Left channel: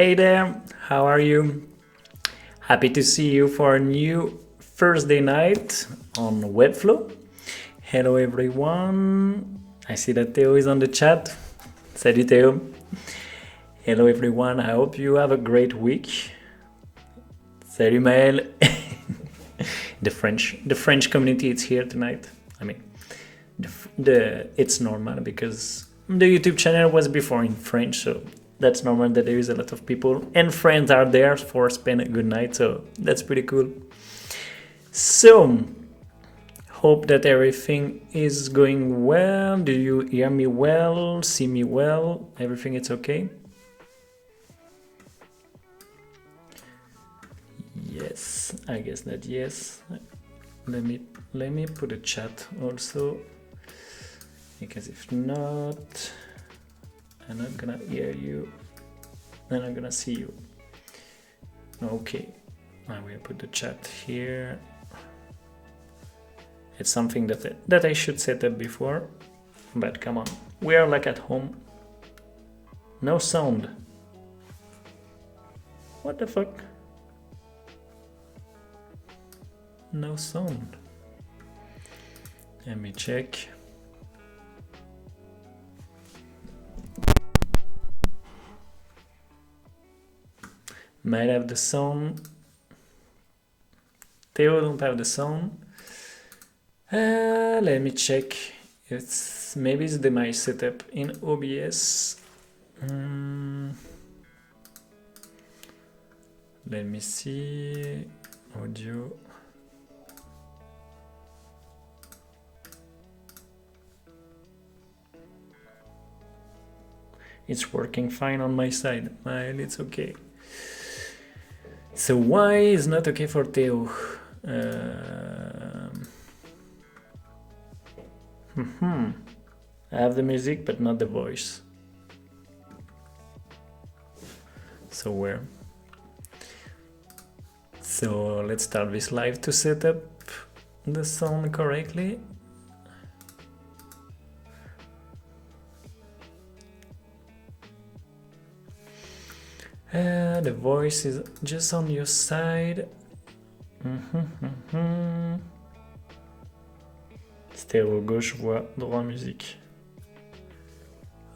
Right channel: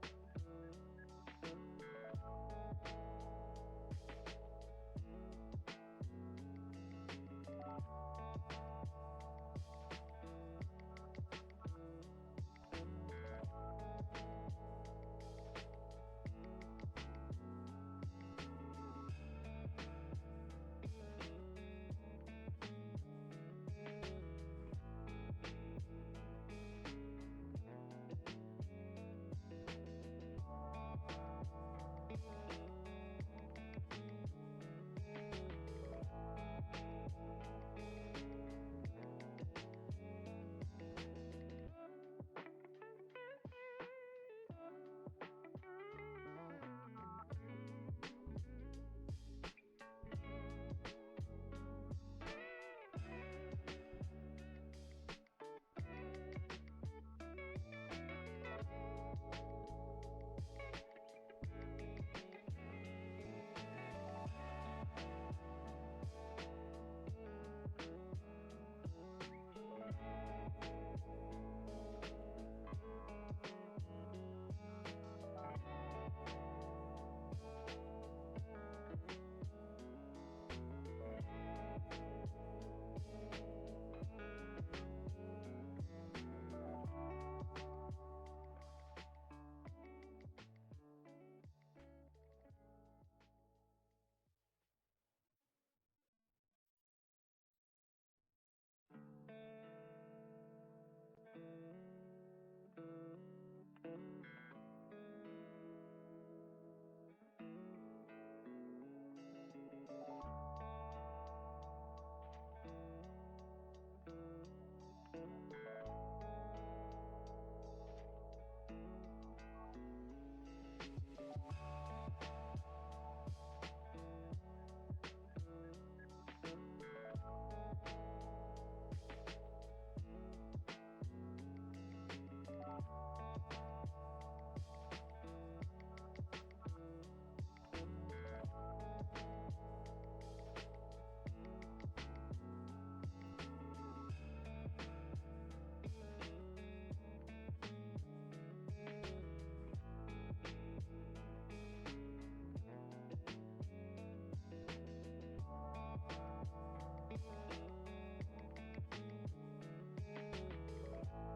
Hey there, how are you? Happy to see you for a new Thursday night on Webflow. Hello everyone. I see that Theo is on the chat. Salut Theo. Hello everyone, I hope you have a great week. Salut Maël. the French community is here tonight. I mean, it's normal because the YouTube channel was before in French, so that's normal that there is a lot of people and friends are there for spend a good night, so that's pretty cool. So hope that everything is going well. Do you hear me well, see me well? Everything is okay? Yes, I guess that yes. Let me put a chat also, because if not, I'm not gonna hear you and I'm gonna see you. Okay, I will put the chat here. It's something that I should set up before, but come on, we are like at home. No sound. What the fuck? No sound. Let me check. Might have the sound. Theo don't have the sound. Let me check. Maybe it's my setup in OBS. Let me see. Audio. It's working fine on my side, and it's okay. So why is not okay for Theo? I have the music but not the voice. So where? So let's start this live to set up the sound correctly. The voice is just on your side. Stéréo gauche, voix, droit, musique.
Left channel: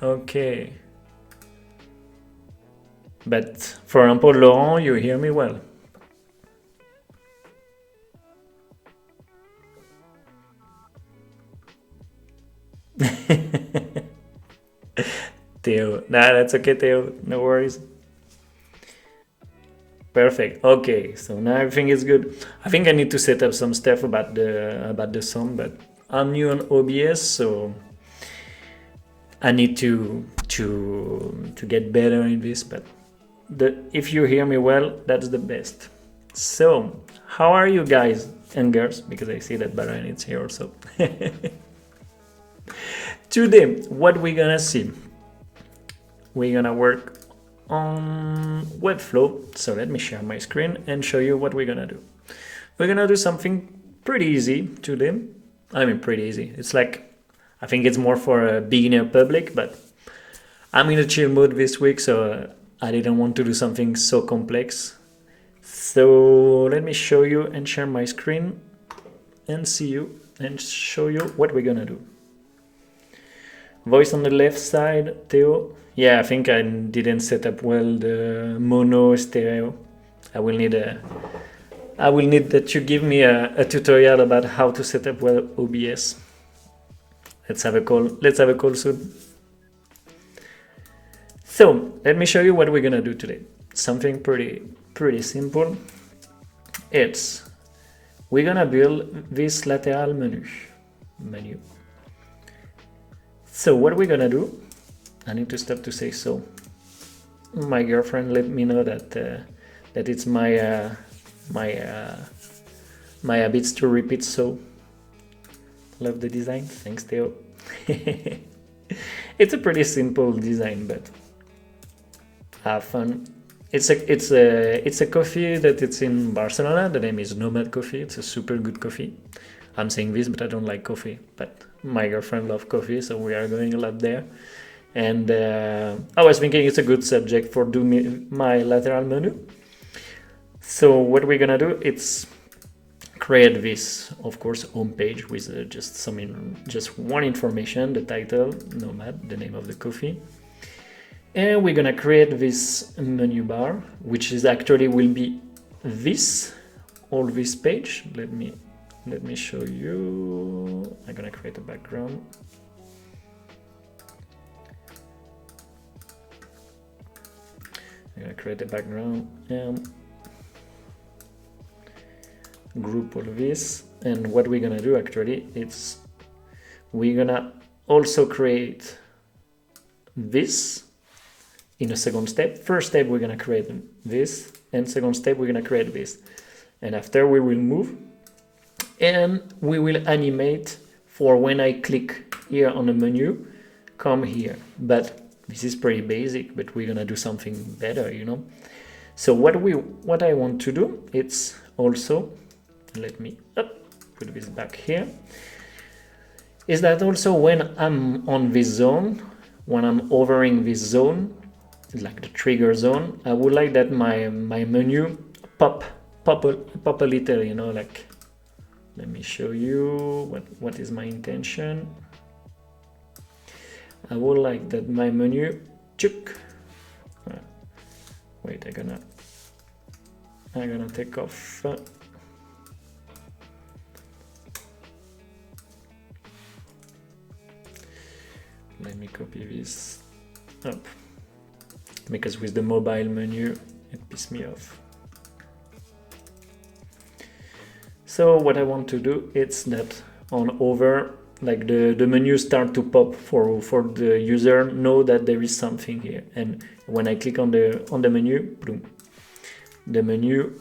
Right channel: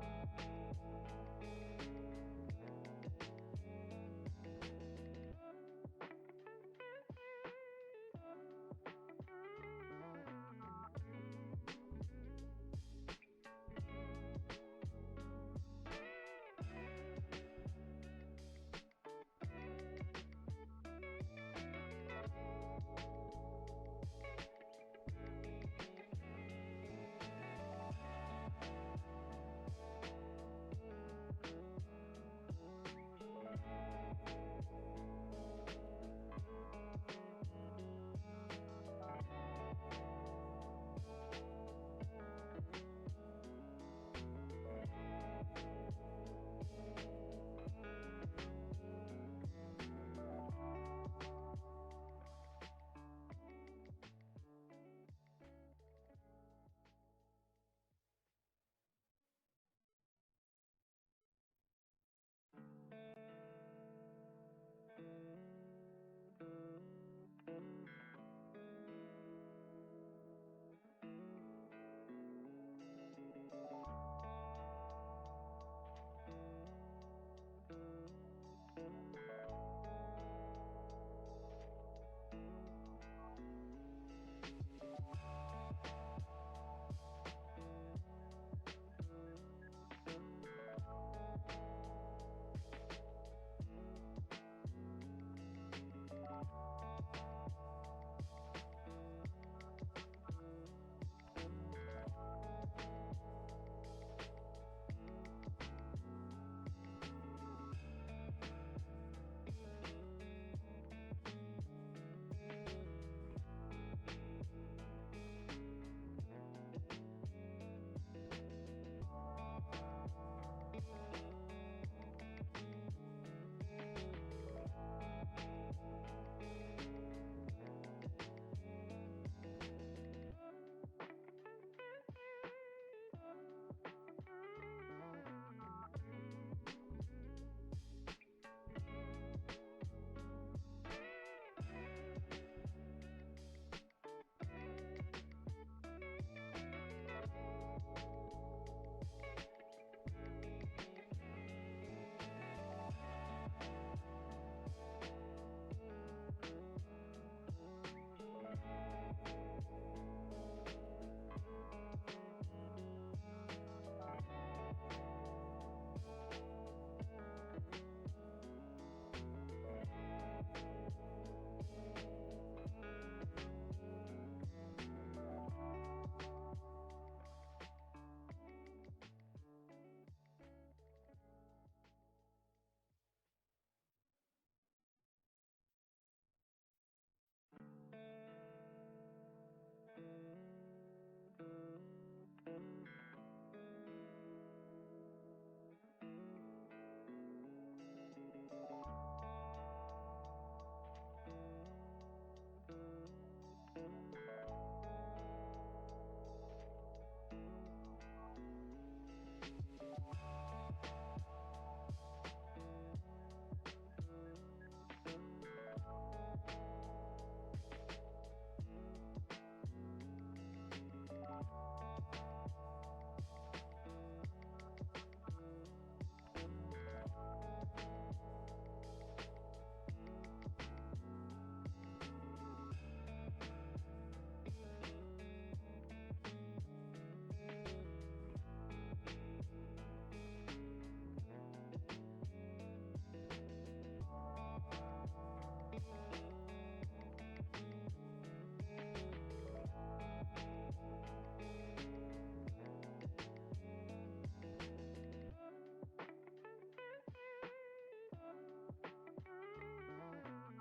Okay. But for example, Laurent, you hear me well. Theo, nah, that's okay, Theo, no worries. Perfect. Okay, so now everything is good. I think I need to set up some stuff about the sound, but I'm new on OBS, so I need to get better in this. But if you hear me well, that's the best. So, how are you guys and girls? Because I see that Baran is here also. Today, what we're gonna see? We're gonna work on Webflow. So let me share my screen and show you what we're gonna do. We're gonna do something pretty easy today. I mean, pretty easy. It's like, I think it's more for a beginner public, but I'm in a chill mood this week, so I didn't want to do something so complex. So let me show you and share my screen and see you and show you what we're gonna do. Voice on the left side, Theo. Yeah, I think I didn't set up well the mono stereo. I will need that you give me a tutorial about how to set up well OBS. Let's have a call soon. So let me show you what we're gonna do today. Something pretty simple. We're gonna build this lateral menu. So what we're gonna do, I need to stop to say so. My girlfriend let me know that it's my habits to repeat so. Love the design. Thanks, Theo. It's a pretty simple design, but have fun. It's a coffee that it's in Barcelona. The name is Nomad Coffee. It's a super good coffee. I'm saying this, but I don't like coffee. But my girlfriend loves coffee, so we are going a lot there. And I was thinking it's a good subject for doing my lateral menu. So what we're gonna do, it's create this, of course, homepage with just one information, the title, Nomad, the name of the coffee. And we're gonna create this menu bar, which is actually will be all this page. Let me show you. I'm gonna create a background. I'm gonna create a background and group all this. And what we're gonna do actually, it's we're gonna also create this in a second step. First step, we're gonna create this, and second step, we're gonna create this. And after we will move, and we will animate for when I click here on the menu, come here. But this is pretty basic, but we're gonna do something better, you know. So what I want to do, it's also, let me put this back here, is that also when I'm on this zone, when I'm hovering this zone, like the trigger zone, I would like that my menu pop a little, you know, like, let me show you what is my intention. I would like that my menu, wait, I'm gonna take off let me copy this up, because with the mobile menu it pissed me off. So what I want to do is that on over, like the menu start to pop for the user know that there is something here. And when I click on the menu, boom, the menu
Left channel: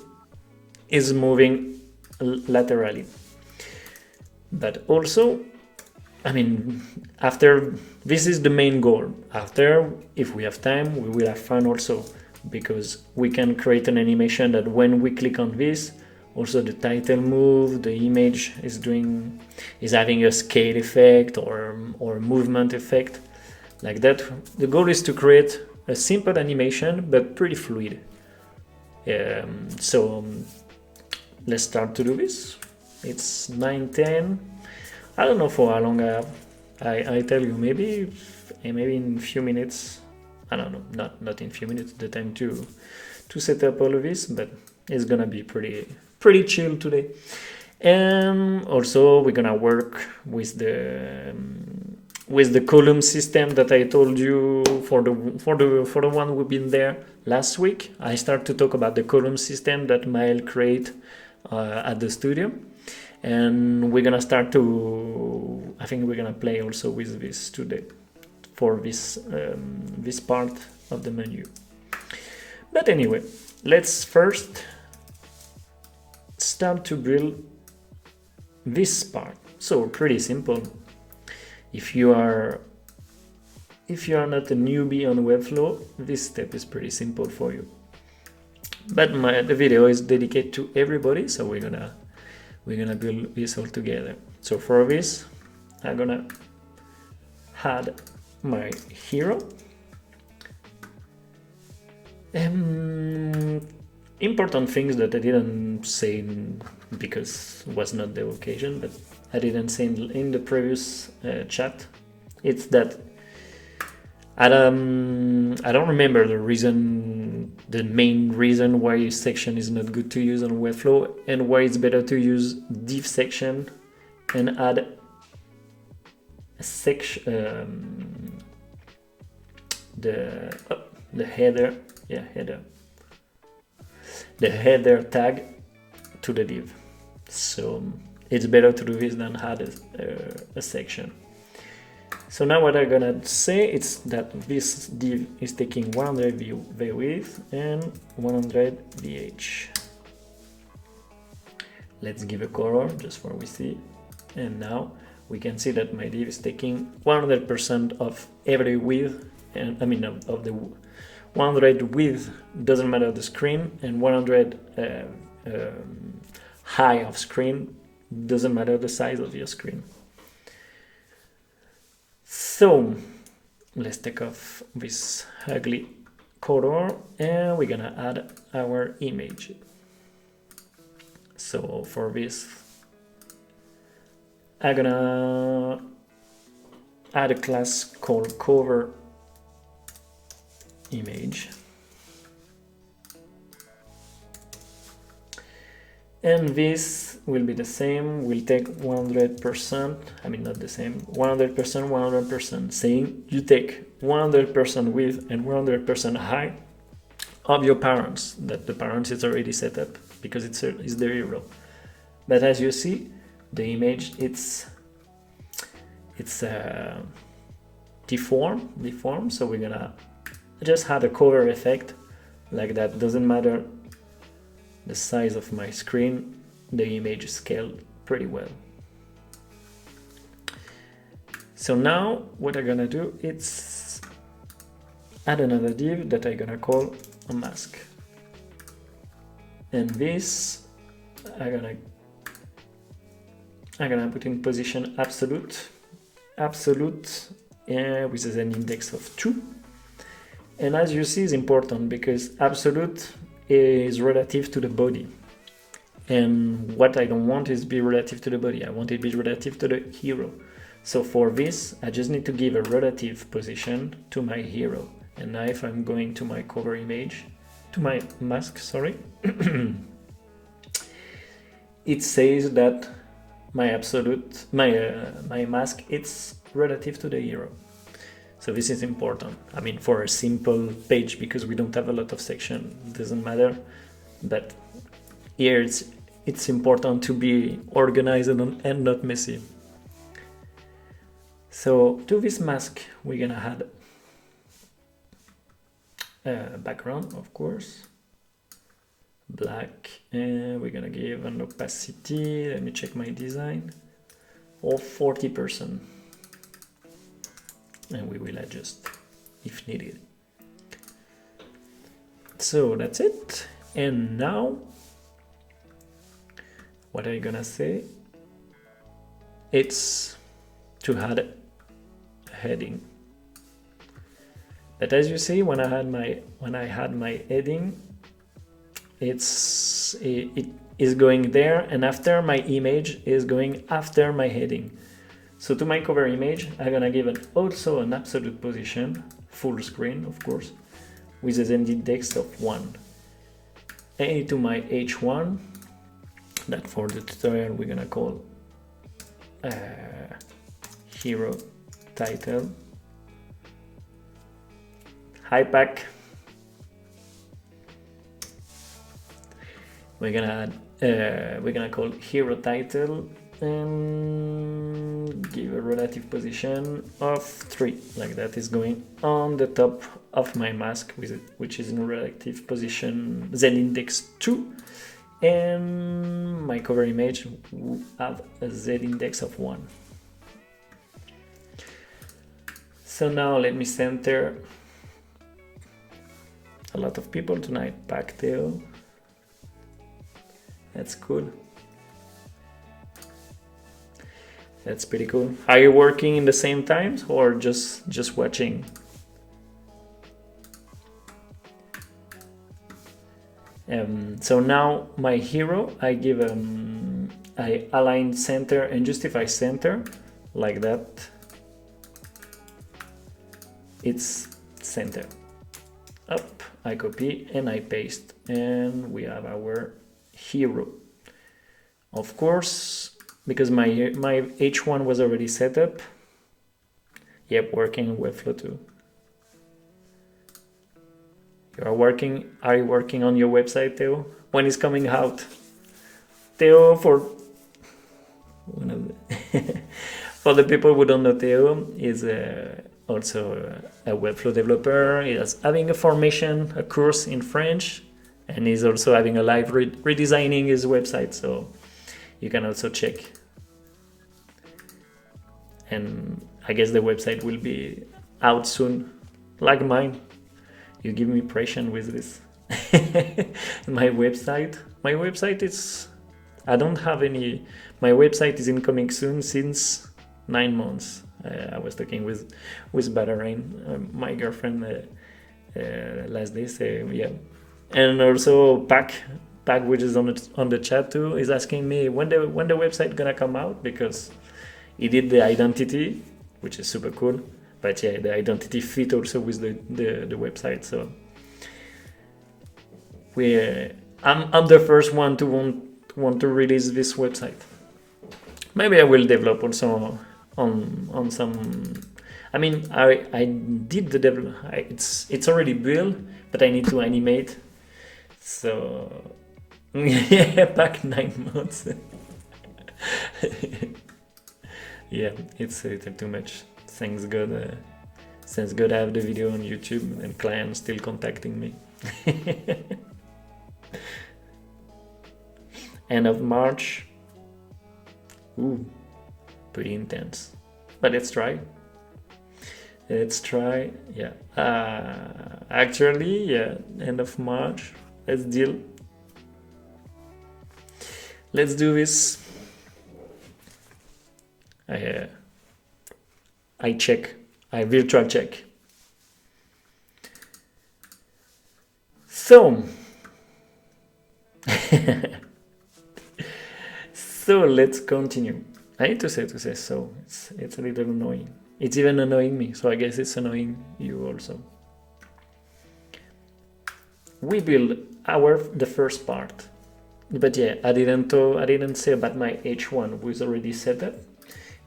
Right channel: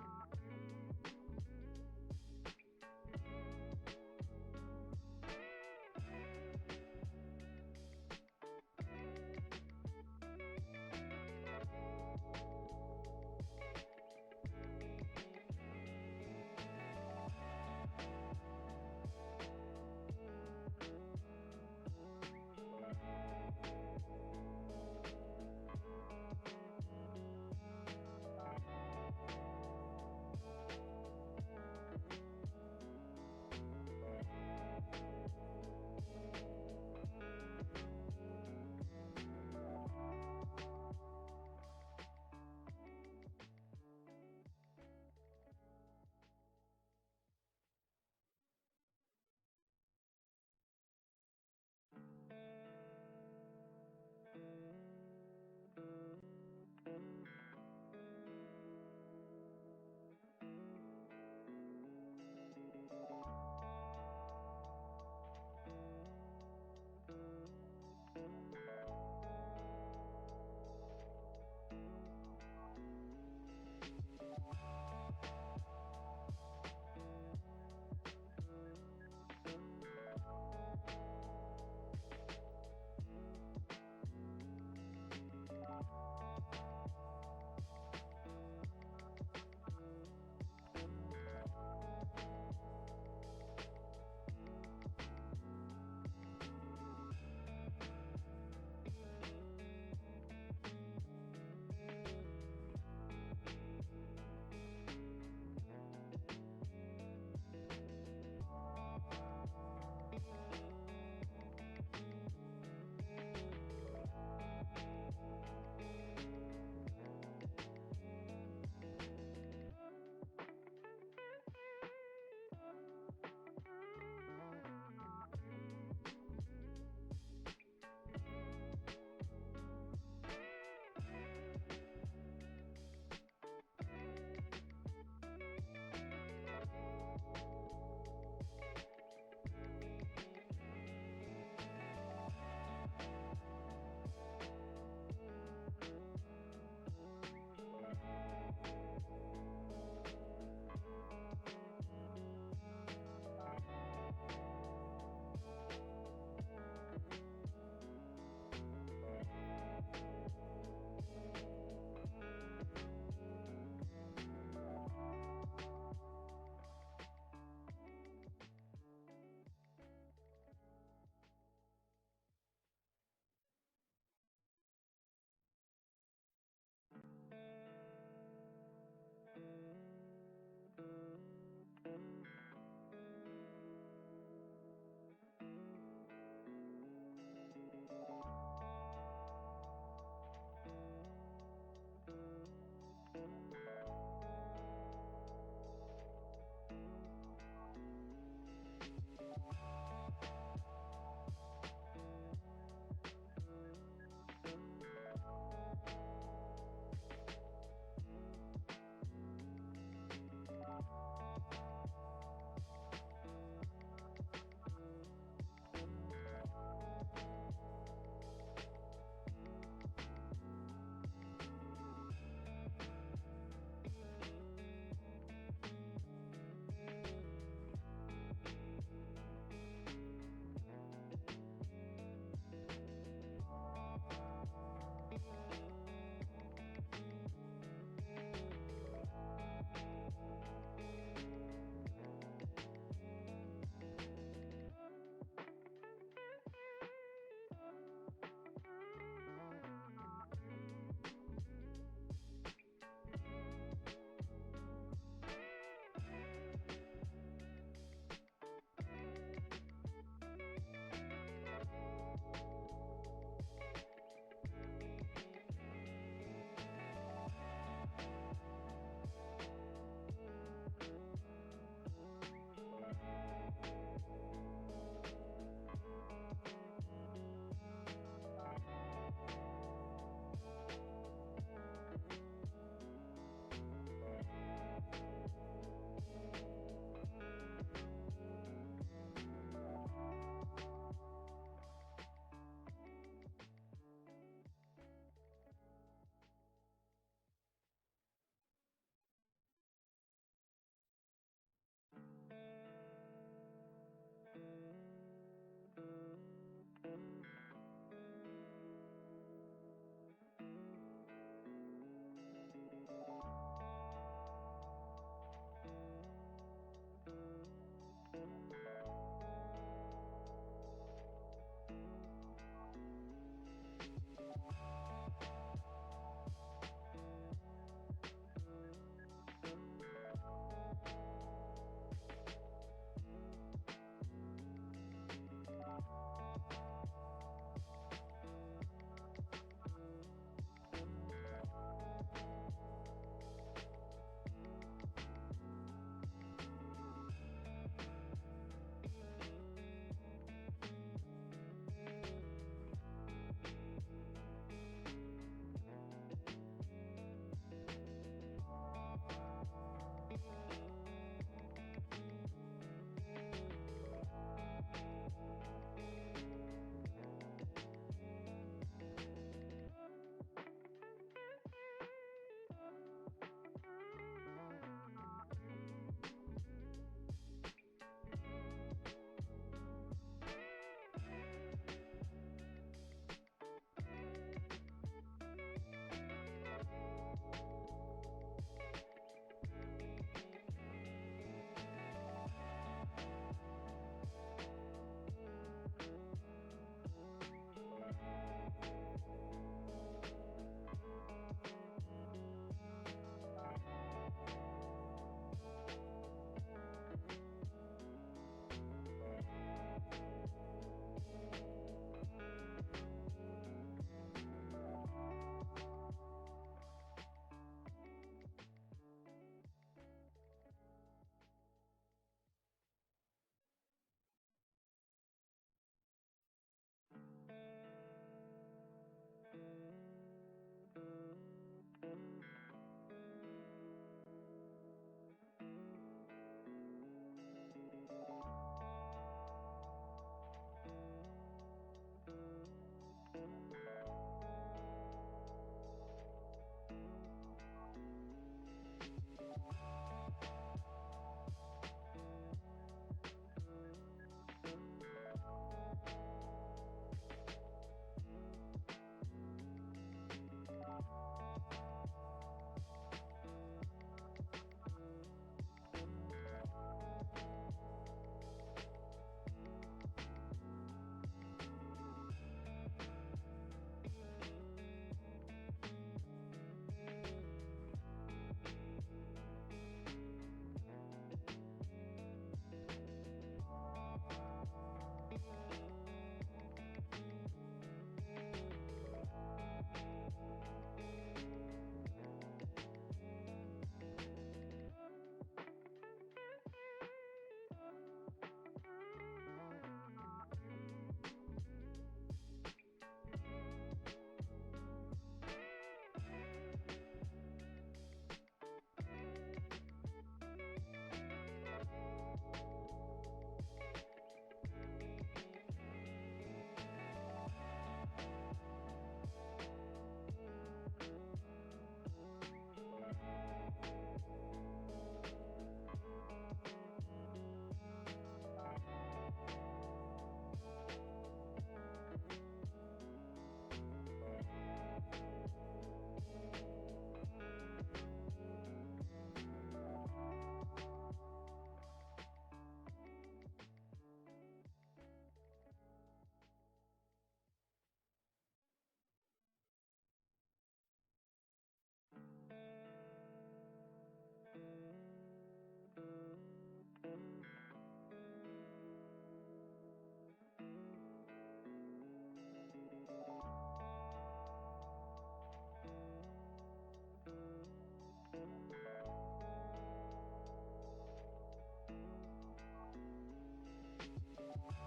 is moving laterally. But also, I mean, after this is the main goal. After, if we have time, we will have fun also, because we can create an animation that when we click on this, also the title move, the image is having a scale effect or movement effect, like that. The goal is to create a simple animation but pretty fluid. So let's start to do this. It's 9:10. I don't know for how long I have. I tell you, maybe in a few minutes. I don't know, not in a few minutes, the time to set up all of this, but it's gonna be pretty chill today. And also we're gonna work with the column system that I told you for the one we've been there last week. I start to talk about the column system that Mael create at the studio, and we're gonna start to, I think we're gonna play also with this today for this part of the menu. But anyway, let's first start to build this part. So pretty simple. If you are not a newbie on Webflow, this step is pretty simple for you. But the video is dedicated to everybody, so we're gonna build this all together. So for this, I'm gonna add my hero. Important things that I didn't say because it was not the occasion, but I didn't say in the previous chat. It's that I don't remember the main reason why section is not good to use on Webflow, and why it's better to use div section and add a section, the header, the header tag to the div. So it's better to do this than add a section. So now what I'm gonna say is that this div is taking 100 v width and 100 vh. Let's give a color just for we see. And now we can see that my div is taking 100% of every width, and I mean of the 100 width, doesn't matter the screen, and 100 high of screen, doesn't matter the size of your screen. So let's take off this ugly color and we're gonna add our image. So for this, I'm gonna add a class called cover image. And this will be the same, we'll take 100%, I mean not the same, 100%, 100%, saying you take 100% width and 100% height of your parents, that the parents is already set up because it's the hero. But as you see, the image, it's deformed, so we're gonna just add a cover effect like that. Doesn't matter the size of my screen, the image is scaled pretty well. So now what I'm gonna do is add another div that I'm gonna call a mask, and this I'm gonna put in position absolute with an index of 2. And as you see, is important because absolute is relative to the body, and what I don't want is be relative to the body, I want it to be relative to the hero. So for this I just need to give a relative position to my hero. And now if I'm going to my cover image, to my mask, sorry, it says that my mask, it's relative to the hero. So this is important. I mean, for a simple page, because we don't have a lot of section, it doesn't matter. But here it's important to be organized and not messy. So to this mask, we're gonna add a background, of course, black, and we're gonna give an opacity, let me check my design, of 40%. And we will adjust if needed. So that's it. And now what I'm gonna say, it's to add a heading. But as you see, when I had my heading, it is going there, and after my image is going after my heading. So to my cover image, I'm gonna give also an absolute position, full screen of course, with an index of 1. And to my H1, that for the tutorial we're gonna call hero title, high pack. We're gonna call hero title and give a relative position of 3, like that is going on the top of my mask, which is in relative position z index 2, and my cover image will have a z index of 1. So now let me center a lot of people tonight. Pack Theo, that's cool. That's pretty cool. Are you working in the same times or just watching? So now my hero, I align center and justify center like that. It's center. Up, I copy and I paste, and we have our hero. Of course, because my H1 was already set up. Yep, working in Webflow too. Are you working on your website, Theo? When is coming out? Theo, for the people who don't know, Theo is also a Webflow developer. He is having a formation, a course in French, and he's also having a live redesigning his website, so you can also check. And I guess the website will be out soon, like mine. You give me pressure with this. My website is, I don't have any, my website is incoming soon since 9 months. I was talking with Batarain, my girlfriend, last day. So yeah, and also Pac, which is on the chat too, is asking me when the website gonna come out, because he did the identity, which is super cool. But yeah, the identity fit also with the website. So I'm the first one to want to release this website. Maybe I will develop also on some. I mean, I did the develop. It's already built, but I need to animate. So yeah, back 9 months. Yeah, it's too much. Thanks God I have the video on YouTube and clients still contacting me. End of March. Ooh, pretty intense. But let's try. Yeah. Actually, yeah, end of March. Let's deal. Let's do this. I virtual check. So so let's continue. I need to say so. It's a little annoying. It's even annoying me, so I guess it's annoying you also. We build the first part, but yeah, I didn't say about my H1 was already set up.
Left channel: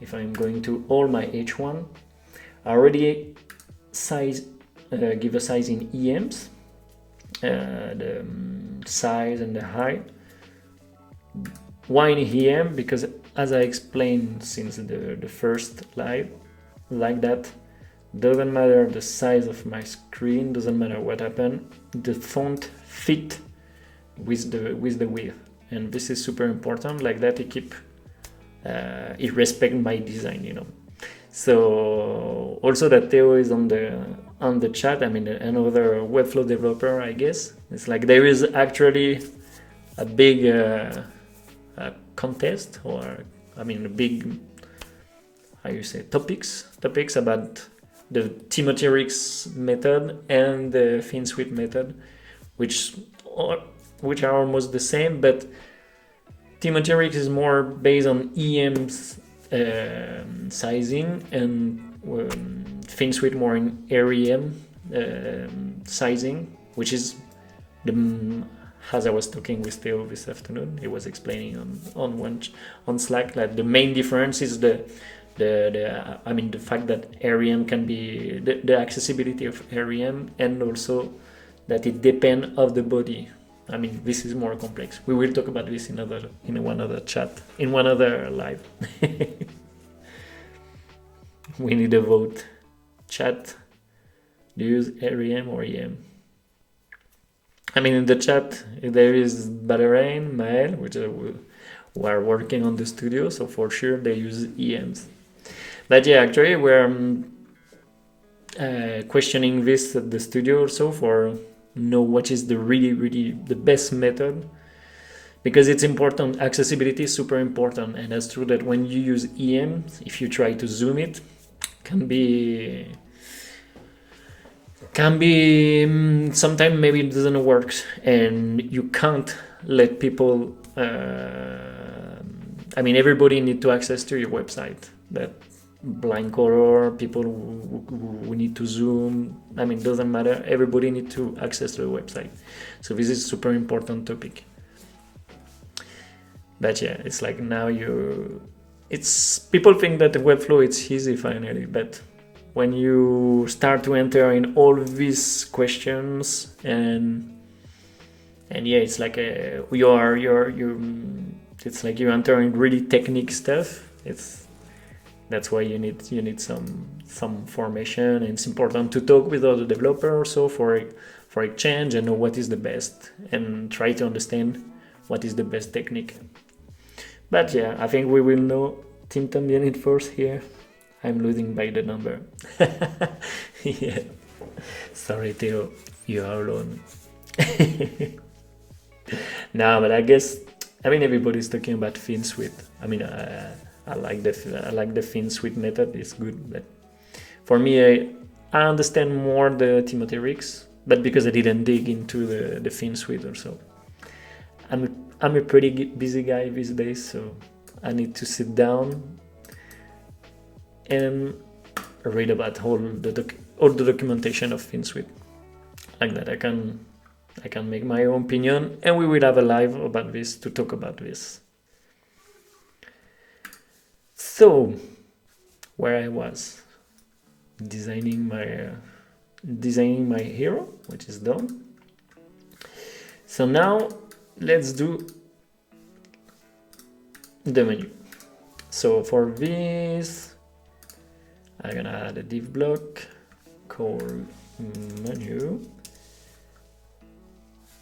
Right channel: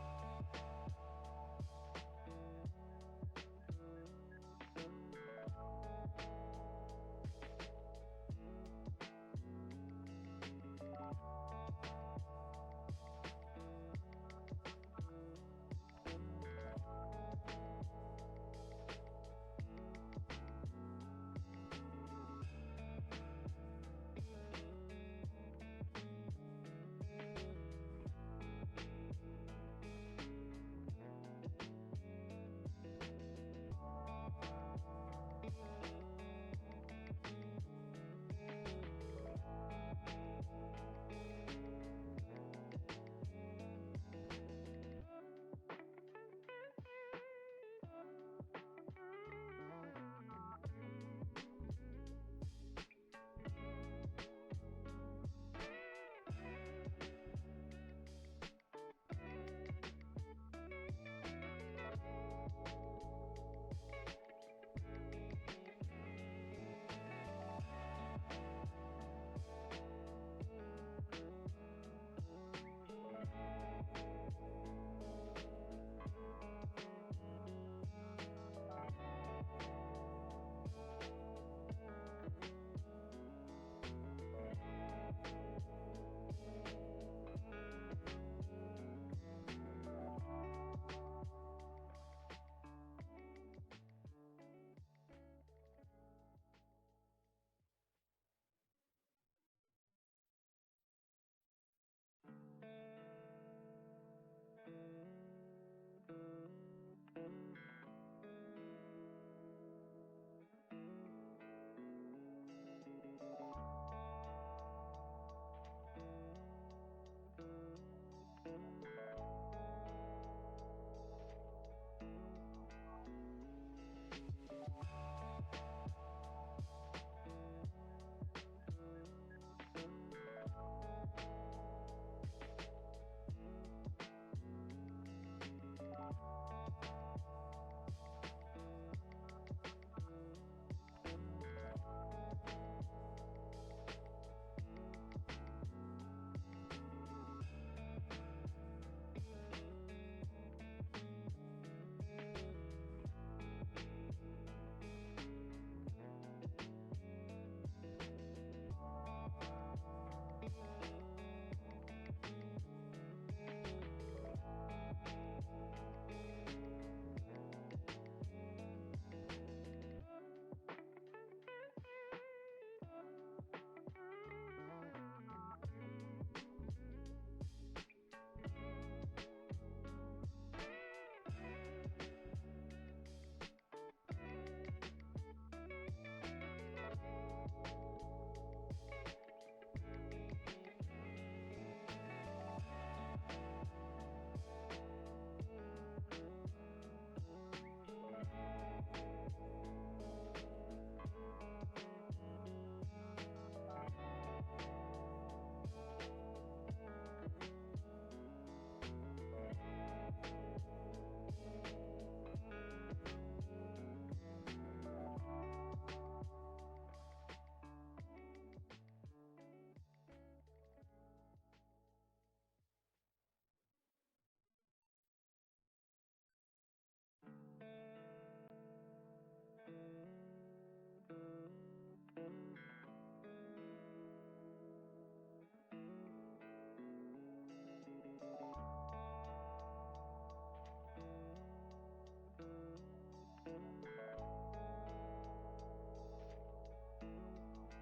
If I'm going to all my H1, I already give a size in EMs, the size and the height. Why in EM? Because as I explained since the first live, like that, doesn't matter the size of my screen, doesn't matter what happened, the font fit with the width, and this is super important. Like that, it respect my design, you know. So also that Theo is on the chat. I mean, another Webflow developer, I guess. It's like there is actually a big contest, or I mean, a big, how you say, topics about the Timothy Ricks method and the FinSuite method, which are almost the same, but Timothy Ricks is more based on EM's sizing, and FinSuite more in REM sizing, which is as I was talking with Theo this afternoon, he was explaining on Slack that the main difference is the fact that REM can be the accessibility of REM, and also that it depends of the body. I mean, this is more complex. We will talk about this in one other chat, in one other live. We need a vote. Chat, do you use REM or EM? I mean, in the chat there is Batarain, Mael, which who are working on the studio, so for sure they use EMs. But yeah, actually we're questioning this at the studio also for know what is the really the best method, because it's important. Accessibility is super important, and that's true that when you use EM, if you try to zoom it, can be sometimes maybe it doesn't work, and you can't let people I mean, everybody need to access to your website. That blind color, people who need to zoom, I mean, doesn't matter. Everybody need to access to the website. So this is super important topic. But yeah, it's like now people think that the Webflow it's easy finally, but when you start to enter in all these questions and yeah, it's like it's like you're entering really technique stuff. That's why you need some formation, and it's important to talk with other developers also for exchange and know what is the best, and try to understand what is the best technique. But yeah, I think we will know Team También in first here. I'm losing by the number. Yeah. Sorry, Theo, you are alone. No, but I guess, I mean, everybody's talking about FinSuite. I mean, I like the thin sweet method. It's good, but for me, I understand more the Timothy Ricks, but because I didn't dig into the thin sweet or so. I'm a pretty busy guy these days, so I need to sit down and read about all the documentation of thin sweet. Like that, I can make my own opinion, and we will have a live about this to talk about this. So, where I was designing my hero, which is done. So now let's do the menu. So for this, I'm gonna add a div block called menu,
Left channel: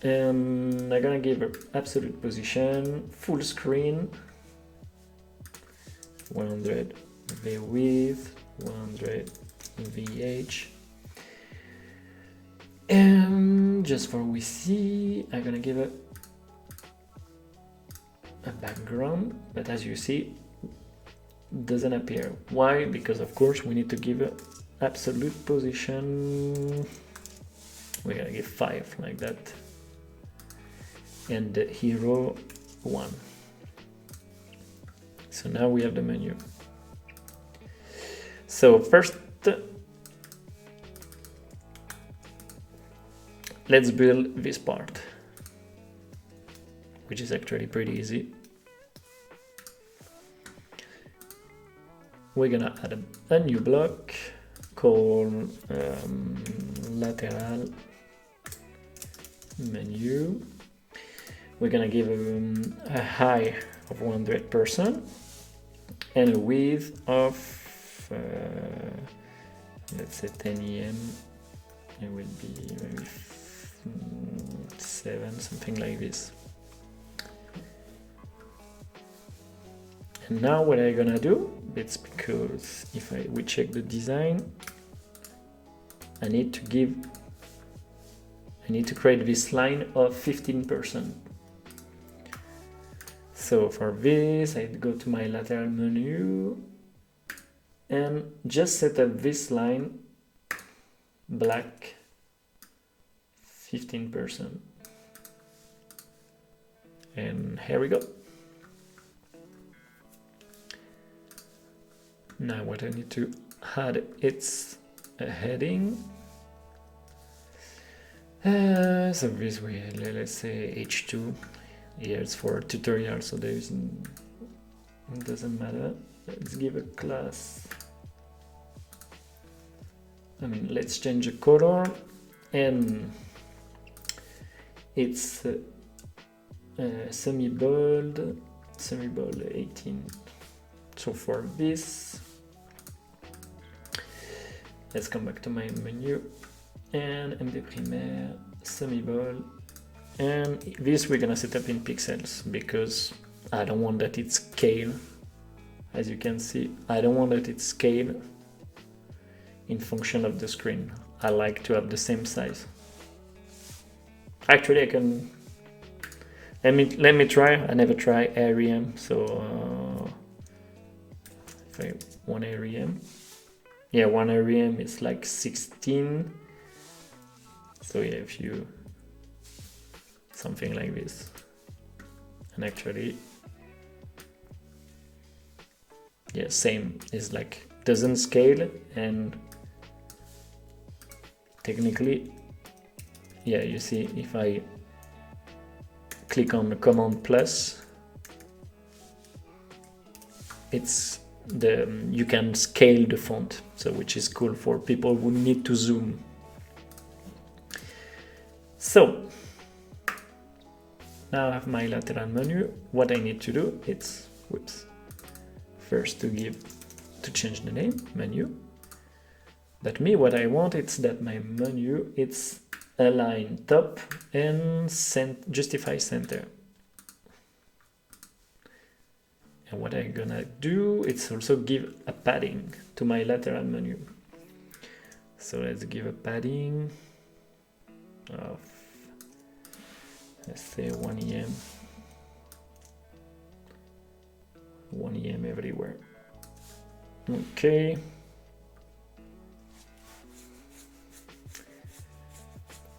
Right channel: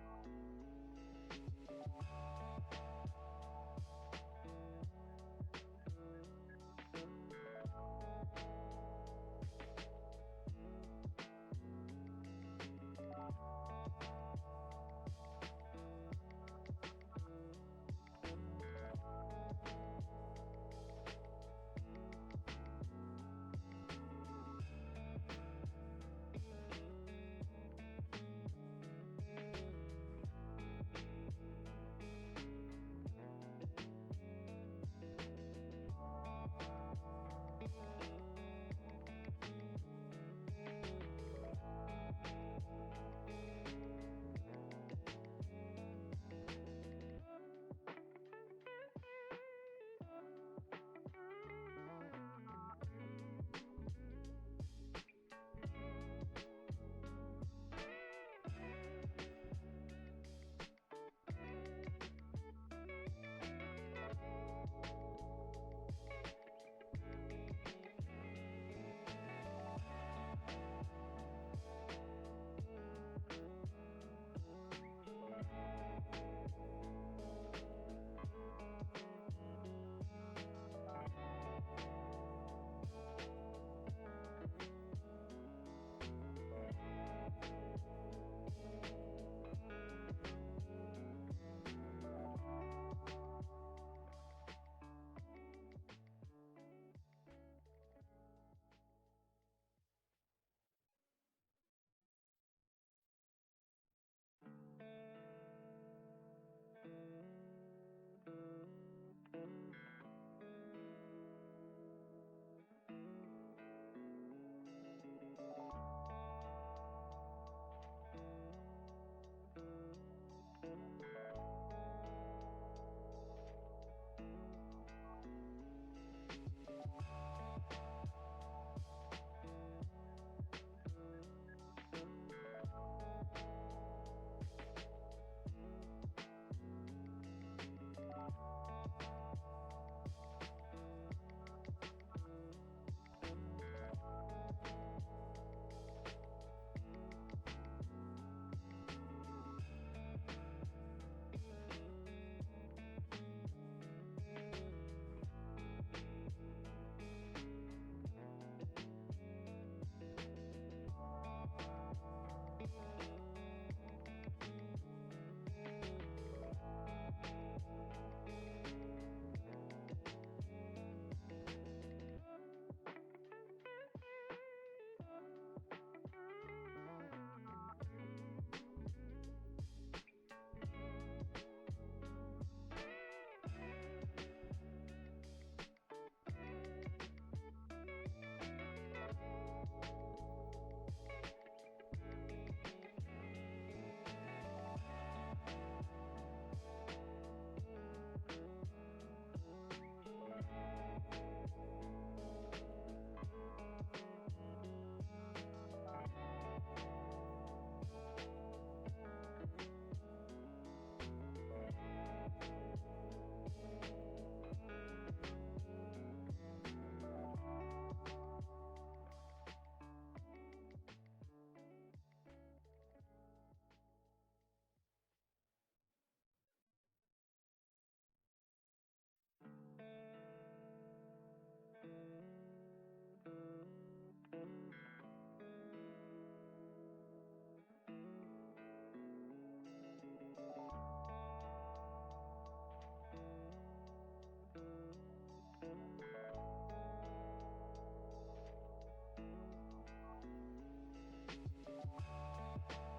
and I'm gonna give an absolute position, full screen, 100 v width, 100 vh, and just for we see, I'm gonna give a background, but as you see, doesn't appear. Why? Because of course we need to give an absolute position. We're gonna give 5 like that, and the hero 1. So now we have the menu. So first, let's build this part, which is actually pretty easy. We're gonna add a new block called lateral menu. We're gonna give a height of 100% and a width of let's say 10 em. It will be maybe 7, something like this. And now what I'm gonna do, it's because if we check the design, I need to create this line of 15%. So for this, I go to my lateral menu and just set up this line black 15%. And here we go. Now what I need to add, it's a heading. So this way, let's say H2. Here it's for tutorial, so it doesn't matter. Let's give a class. Let's change the color, and it's semi-bold 18. So for this, let's come back to my menu and MD Primaire, semi-bold, and this we're gonna set up in pixels because I don't want that it's scale. As you can see, I don't want that it's scale in function of the screen. I like to have the same size. Actually, I can. Let me try. I never try AREM, so if I 1 AREM. Yeah, 1 AREM is like 16. So yeah, if you something like this, and actually, yeah, same is like doesn't scale, and technically, yeah, you see if I click on the command plus, it's you can scale the font, so which is cool for people who need to zoom. So now I have my lateral menu. What I need to do, it's first to change the name menu. But me, what I want is that my menu it's align top and justify center. And what I'm gonna do, it's also give a padding to my lateral menu. So let's give a padding of, let's say 1 em. 1 a.m. everywhere. Okay.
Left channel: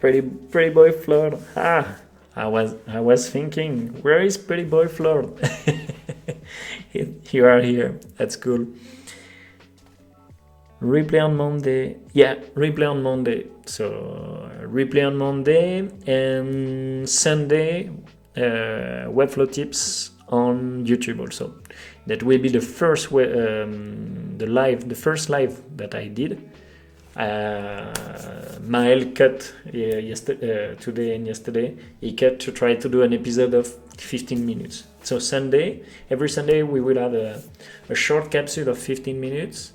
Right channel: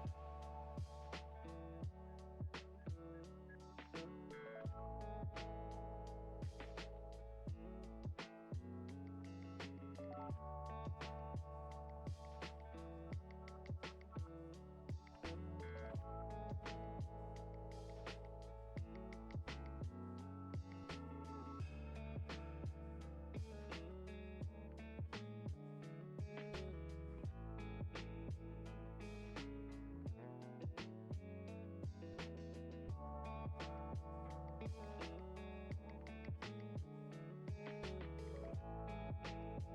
Pretty boy Flor. I was thinking, where is pretty boy Flor? You are here. That's cool. Replay on Monday. Yeah, replay on Monday. So replay on Monday and Sunday. Webflow tips on YouTube also. That will be the first the first live that I did. Mael cut today and yesterday. He cut to try to do an episode of 15 minutes. So every Sunday we will have a short capsule of 15 minutes.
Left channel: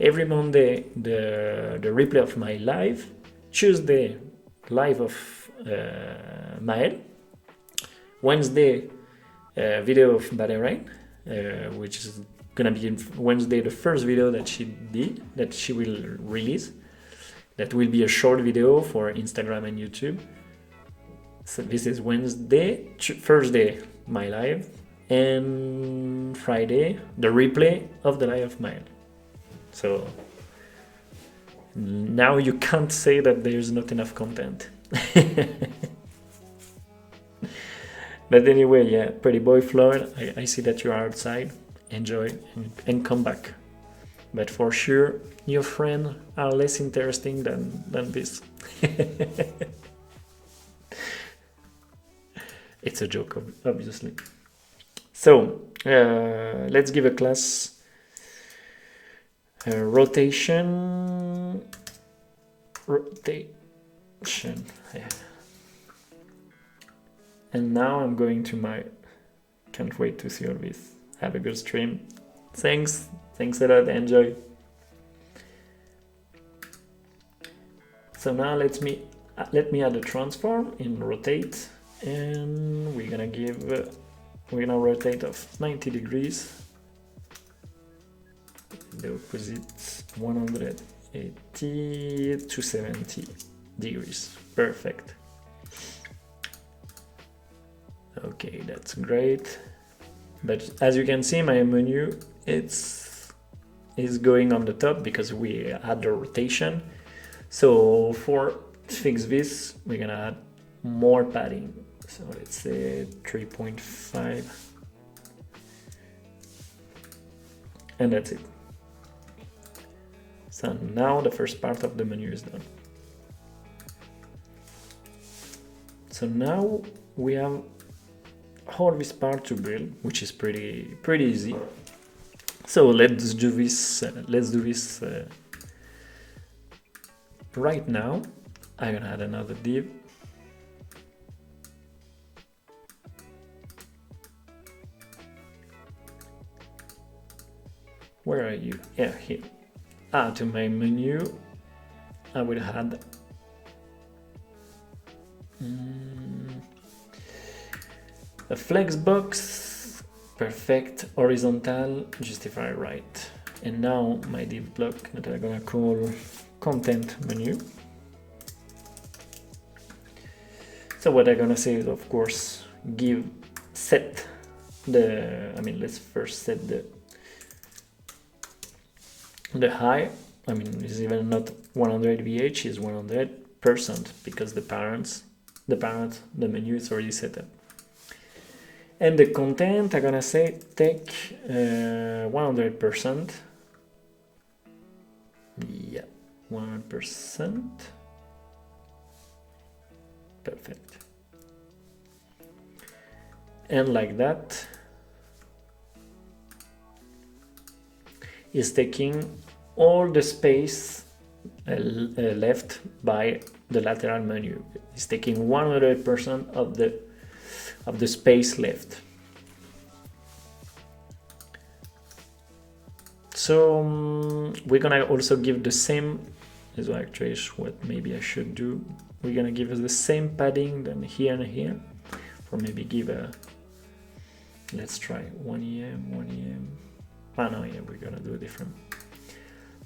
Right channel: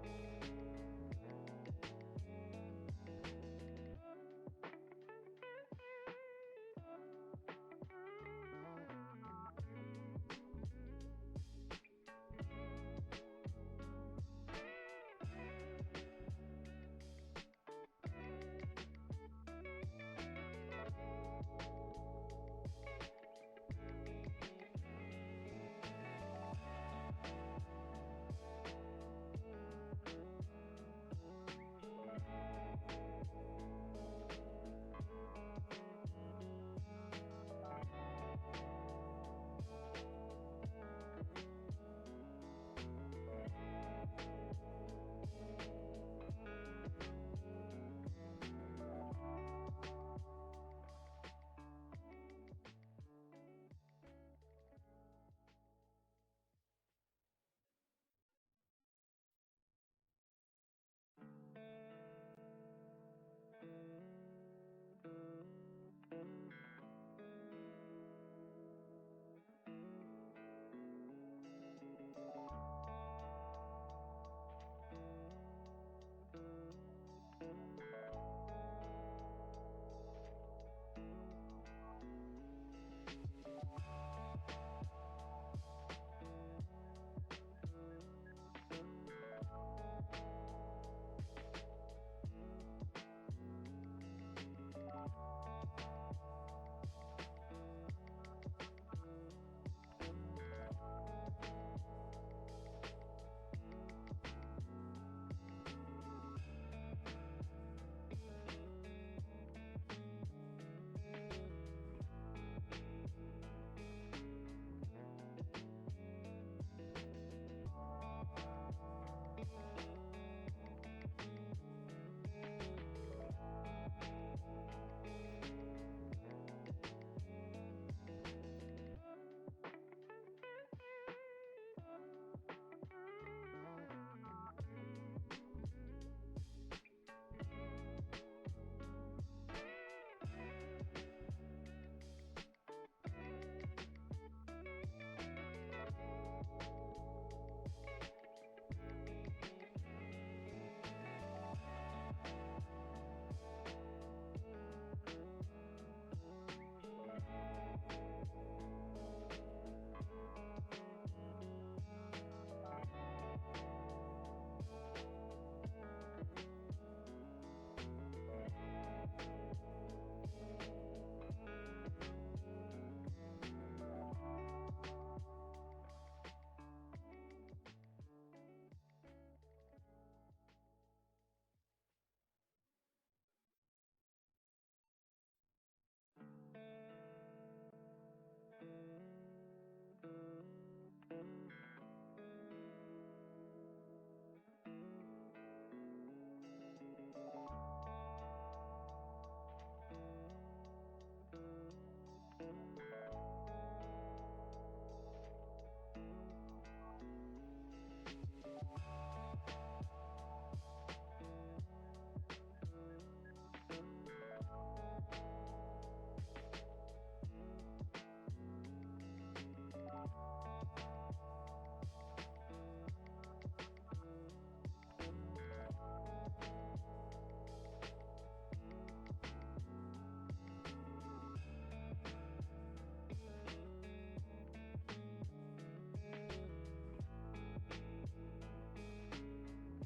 Every Monday the replay of my live. Tuesday live of Mael. Wednesday video of Lateral, which is gonna be Wednesday the first video that she will release. That will be a short video for Instagram and YouTube. So this is Wednesday. Thursday my live, and Friday the replay of the live of mine. So now you can't say that there's not enough content. But anyway, yeah, pretty boy Floyd, I see that you are outside. Enjoy and come back. But for sure, your friends are less interesting than this. It's a joke, obviously. So let's give a class rotation. Yeah. And now I'm going to can't wait to see all this. Have a good stream. Thanks a lot, enjoy. So now let me add a transform in rotate, and we're gonna rotate of 90 degrees. The opposite 180 to 70 degrees. Perfect. Okay, that's great. But as you can see, my menu is going on the top because we had the rotation. So to fix this, we're gonna add more padding. So let's say 3.5, and that's it. So now the first part of the menu is done. So now we have all this part to build, which is pretty easy. So let's do this. Right now. I'm gonna add another div. Where are you? Yeah, here. To my menu, I will add a flex box, perfect, horizontal, justify right. And now my div block that I'm gonna call content menu. So what I'm gonna say is, of course, let's first set the high. I mean, it's even not 100 VH, it's 100% because the menu is already set up. And the content, I'm gonna say take 100%. Yeah, 100%. Perfect. And like that is taking all the space left by the lateral menu. It's taking 100% of the space left. So we're gonna also give the same. Is actually what maybe I should do. We're gonna give us the same padding than here and here, or maybe give a. Let's try 1 EM, 1 EM. No, yeah, we're gonna do a different.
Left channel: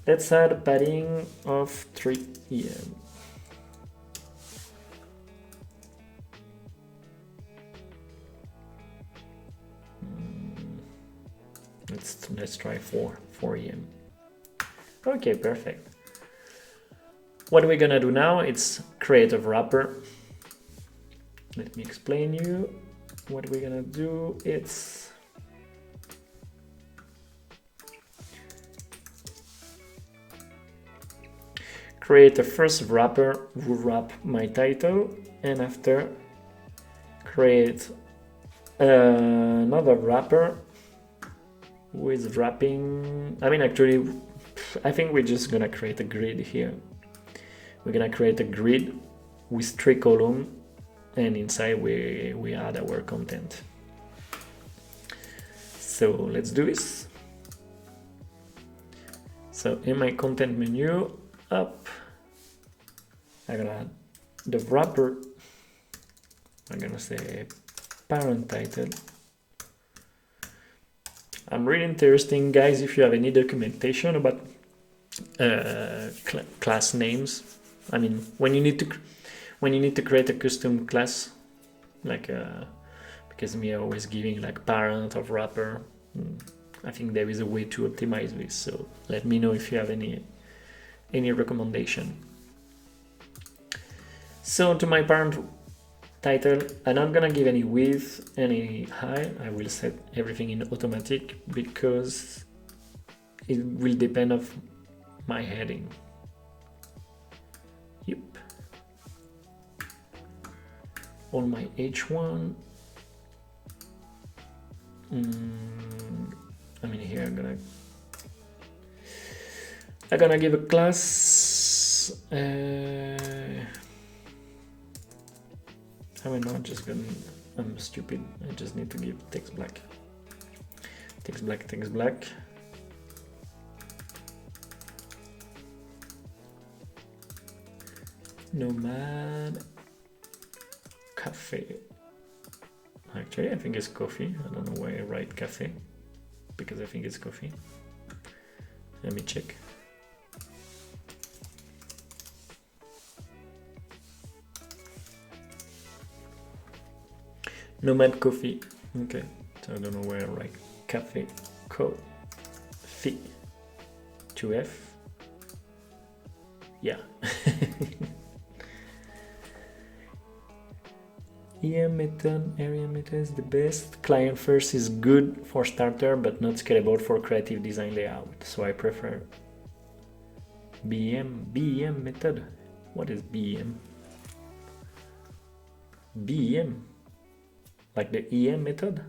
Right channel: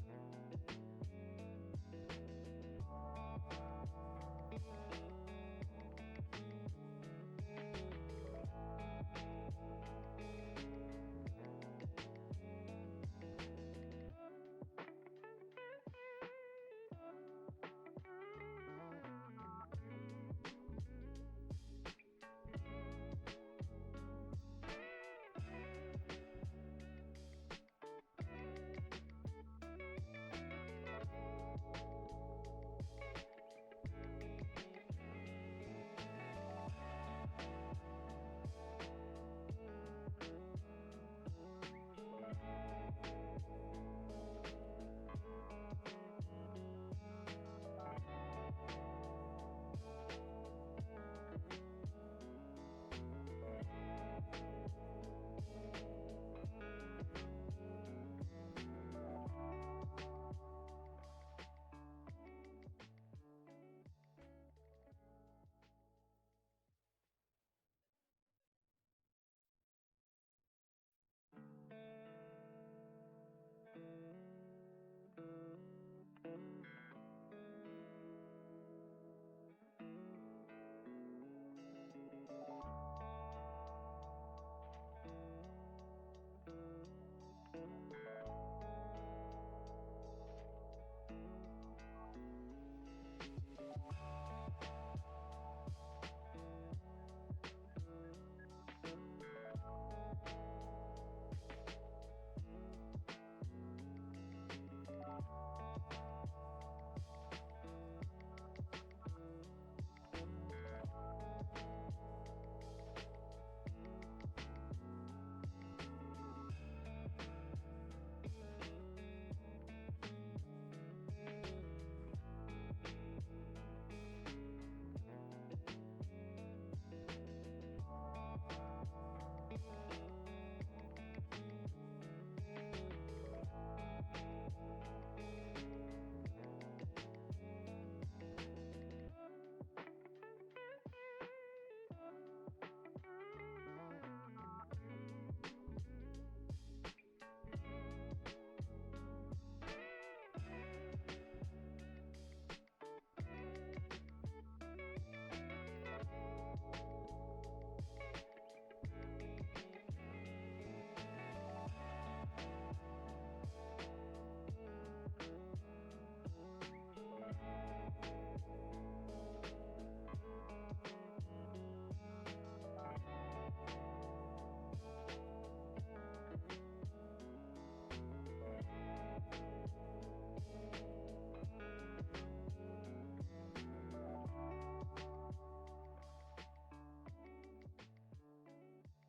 Let's add a padding of 3 EM. let's try 4 a.m. Okay, perfect. What we're gonna do now, it's create a wrapper. Let me explain you what we're gonna do. It's create a first wrapper who wrap my title, and after create another wrapper with wrapping. I mean, actually, I think we're just gonna create a grid here. We're gonna create a grid with 3 columns, and inside we add our content. So let's do this. So in my content menu, up, I'm gonna add the wrapper. I'm gonna say parent title. I'm really interested, guys, if you have any documentation about class names. I mean, when you need to create a custom class, like because me always giving like parent or wrapper. I think there is a way to optimize this. So let me know if you have any recommendation. So to my parent title, I'm not gonna give any width, any height. I will set everything in automatic because it will depend on my heading. Yep. On my H1. I mean, here I'm gonna give a class. I'm not just gonna. I'm stupid. I just need to give text black. Text black. Text black. Nomad cafe. Actually, I think it's coffee. I don't know why I write cafe, because I think it's coffee. Let me check. Nomad coffee. Okay, so I don't know where I write cafe. Coffee. 2F. Yeah. EM method, area method is the best. Client first is good for starter, but not scalable for creative design layout. So I prefer BEM method. What is BEM? BEM, like the EM method.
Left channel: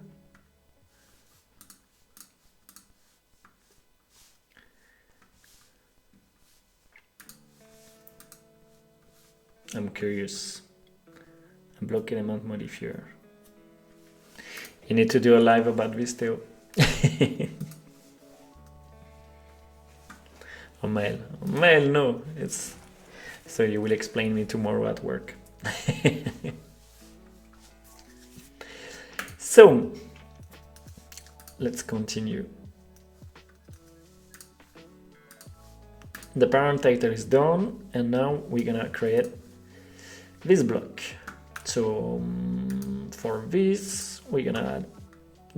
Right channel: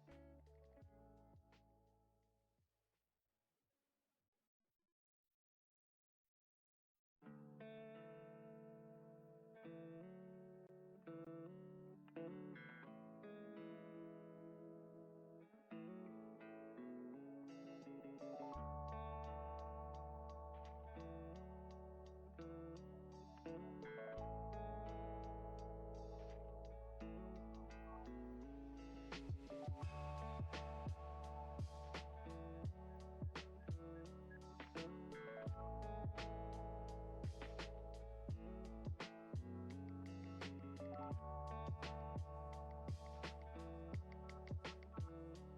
I'm curious. Block element modifier. You need to do a live about this too. Or mail. Mail, no. It's so you will explain me tomorrow at work. So let's continue. The parent title is done, and now we're gonna create this block. So for this, we're gonna add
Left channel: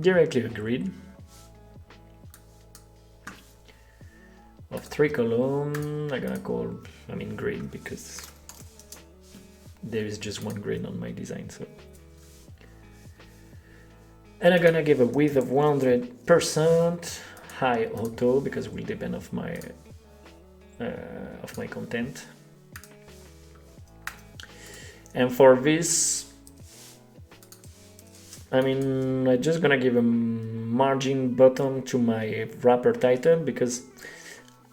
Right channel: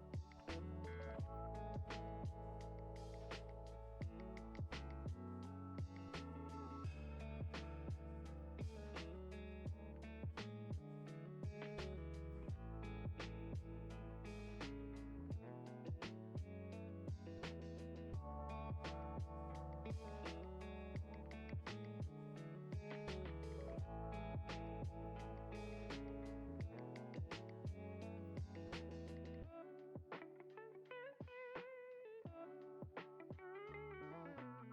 directly a grid of 3 columns. I'm gonna call, grid, because there is just one grid on my design. So, and I'm gonna give a width of 100%, high auto, because it will depend of my content. And for this, I'm just gonna give a margin button to my wrapper title, because